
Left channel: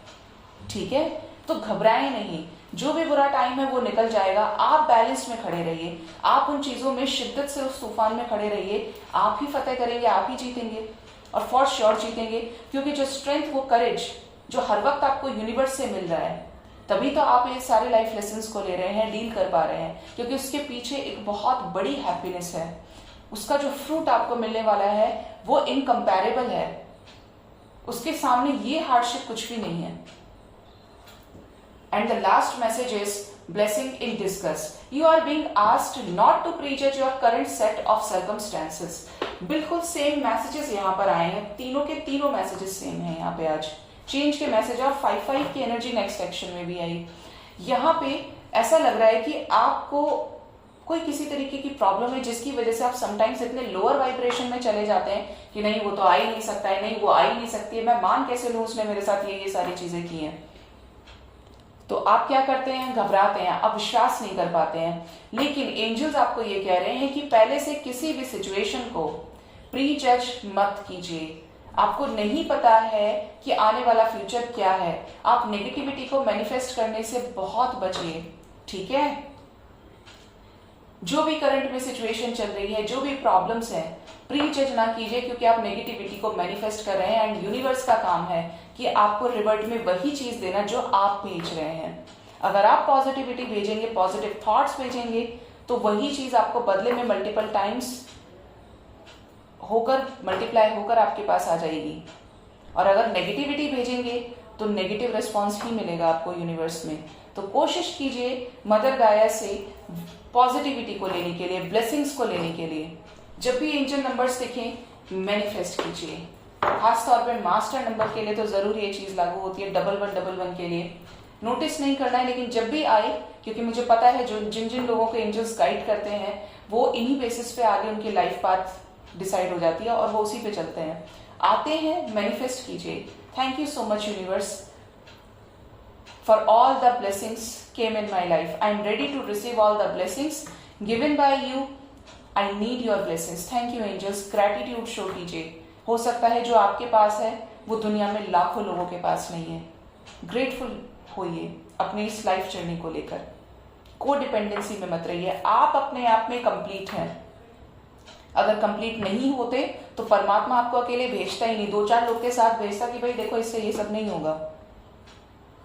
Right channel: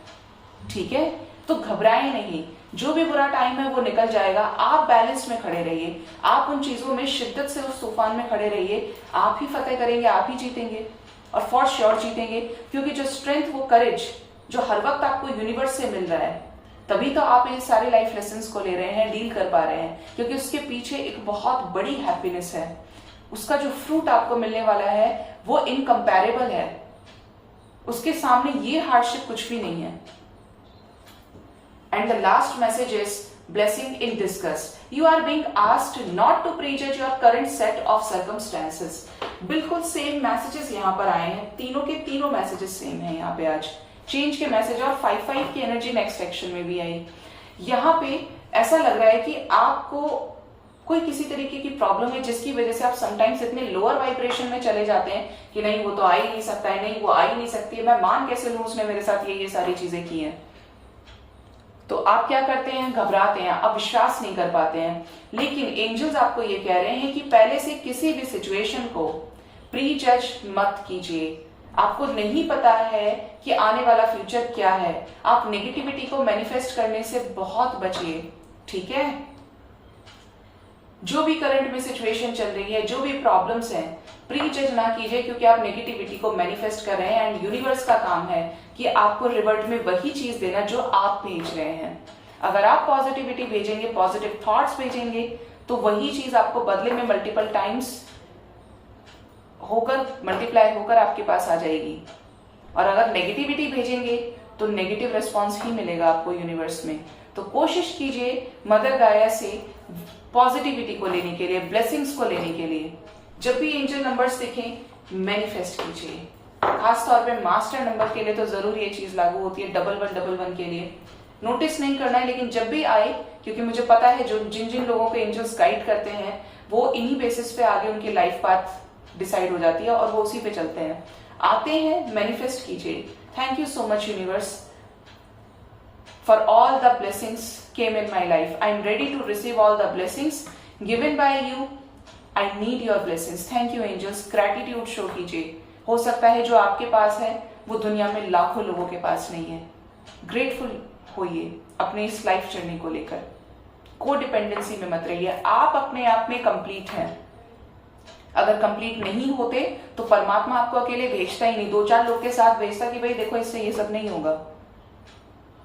ठीक है। तो घबराएं नहीं, जो भी बुरा टाइम है वो निकल जाएगा। आप बैलेंस में खड़े रहिए, आप उन चीजों में शिद्दत से उस तूफान में खड़े रहिए, आप ही फतेह करेंगे, आप ही जीतेंगे और फॉर श्योर जीतेंगे। क्योंकि जो स्ट्रेंथ, वो करेज जो हर वक्त आपको यूनिवर्स से मिल रहा है, तभी तो आप ये सारे लाइफ लेसन्स को ले रहे हैं, डील कर पा रहे हैं, क्योंकि उसके पीछे एक बहुत बड़ी हैप्पीनेस है। उसका जो फ्रूट आपको मिलने वाला है वो इनकम्पैरेबल है, उसके सामने ये हार्डशिप कुछ भी नहीं है। And the last message is blessing in discuss. You are being asked not to prejudge your current set of circumstances. बिल्कुल सेम मैसेजेस यहाँ पर आए हैं, तीनों के तीनों मैसेजेस सेम हैं यहाँ पे आज। चेंज के मैसेज और 5-5 की एनर्जी नेक्स्ट सेक्शन में भी आई। यहाँ पे ऐसा लग रहा है कि आपको कोई किसी तरीके की प्रॉब्लम है जिसकी वजह से आप समटाइम्स इतने लोअर वाइब्रेशन में चले जाते हैं कि नहीं वो तो आ ही नहीं सकता है, नहीं वो आ ही नहीं सकती है, मैं मान कैसे लूं उसने मेरे साथ ये सारी चीजें की हैं। तो आप क्या करते हैं, घबराते हैं, आप विश्वास नहीं कर पाते हैं। लेकिन एंजल्स आपको ये कह रहे हैं कि पहले से किसी भी सिचुएशन को प्री जज मत कीजिए। आपको नहीं पता है कि आने वाला फ्यूचर क्या है, आप नेगेटिविटी को मैनिफेस्ट करने से बहुत बचिए, ठीक है। जो भी करंट में सिचुएशन चल रही है, जो भी प्रॉब्लम्स हैं, प्री जज ना कीजिए, क्योंकि आप नेगेटिविटी को मैनिफेस्ट कर रहे हैं एंड यूनिवर्स का काम है कि आपको रिवर्ट में वही चीज देना जो आप भेज रहे हैं। अगर आप पॉजिटिविटी भेजेंगे, पॉजिटिव थॉट्स भेजेंगे, तो वही चीज आपको बदले में मल्टीपल टाइम्स होकर मल्टीप्लाई होकर आपके पास आ जाएगी। और अगर नेगेटिविटी भेजेंगे तो नेगेटिव रिस्पॉन्स ही मिलेगा आपको यूनिवर्स में। तो कोशिश कीजिए मदर गाया से पॉजिटिविटी को लेने के लिए, ब्लेसिंग्स को लेने के लिए। जब भी एंजल नंबर्स दिखें मैनिफेस्ट कीजिए। खासतौर पे मास्टर नंबर के लिए तो जरूर ये चीज लागू होती है, 1111 के लिए नोटिस नहीं करना है, लेकिन जब भी आए, क्योंकि मुझे पता है जो जिन जिन लोगों को एंजल्स गाइड करते हैं वो इन्हीं बेसिस पे आगे उनकी लाइफ पाथ डिसाइड हो जाती है और वो उसी पे चलते हैं। आते हैं, मैनिफेस्ट कीजिए। Thank you so much universe for all the blessings came in my life. I am ready to receive all the blessings given by you. I need your blessings. Thank you angels. Gratitude show कीजिए। हो सकता है जो आपके पास है वो दुनिया में लाखों लोगों के पास नहीं है। ग्रेटफुल होइए अपनी इस लाइफ जर्नी को लेकर। को डिपेंडेंसी में मत रहिए। आप अपने आप में कंप्लीट हैं। अगर कंप्लीट नहीं होते तो परमात्मा आपको अकेले भेजता ही नहीं, 2-4 लोग के साथ भेजता कि भाई देखो इससे ये सब नहीं होगा,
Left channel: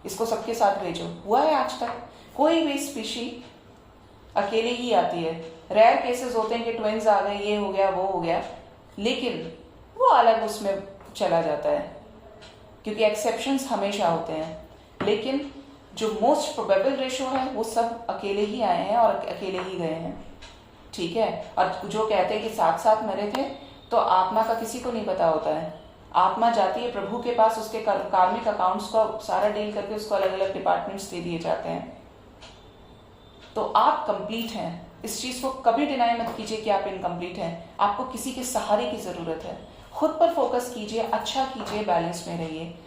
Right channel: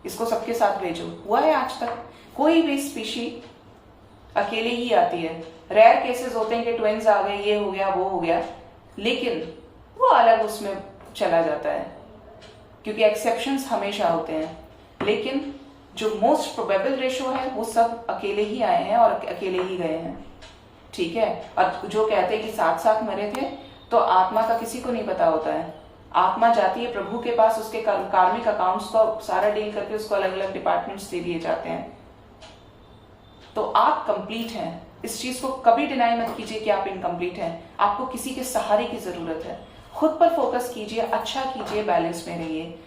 इसको सबके साथ भेजो। हुआ है आज तक? कोई भी स्पीशी अकेले ही आती है। रेयर केसेस होते हैं कि ट्विंस आ गए, ये हो गया वो हो गया, लेकिन वो अलग उसमें चला जाता है क्योंकि एक्सेप्शंस हमेशा होते हैं। लेकिन जो मोस्ट प्रोबेबल रेशो है वो सब अकेले ही आए हैं और अकेले ही गए हैं। ठीक है। और जो कहते हैं कि साथ साथ मरे थे, तो आत्मा का किसी को नहीं पता होता है। आत्मा जाती है प्रभु के पास, उसके कार्मिक अकाउंट्स को सारा डील करके उसको अलग अलग डिपार्टमेंट्स दे दिए जाते हैं। तो आप कंप्लीट हैं। इस चीज को कभी डिनाई मत कीजिए कि आप इनकम्प्लीट हैं। आपको किसी के सहारे की जरूरत है। खुद पर फोकस कीजिए, अच्छा कीजिए, बैलेंस में रहिए।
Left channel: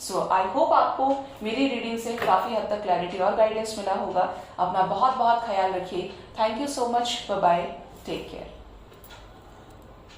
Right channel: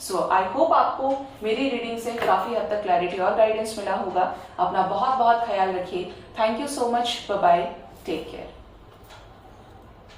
सो आई होप आपको मेरी रीडिंग से काफी हद तक क्लैरिटी और गाइडेंस मिला होगा। अपना बहुत बहुत ख्याल रखिए। Thank you so much. Bye bye. Take care.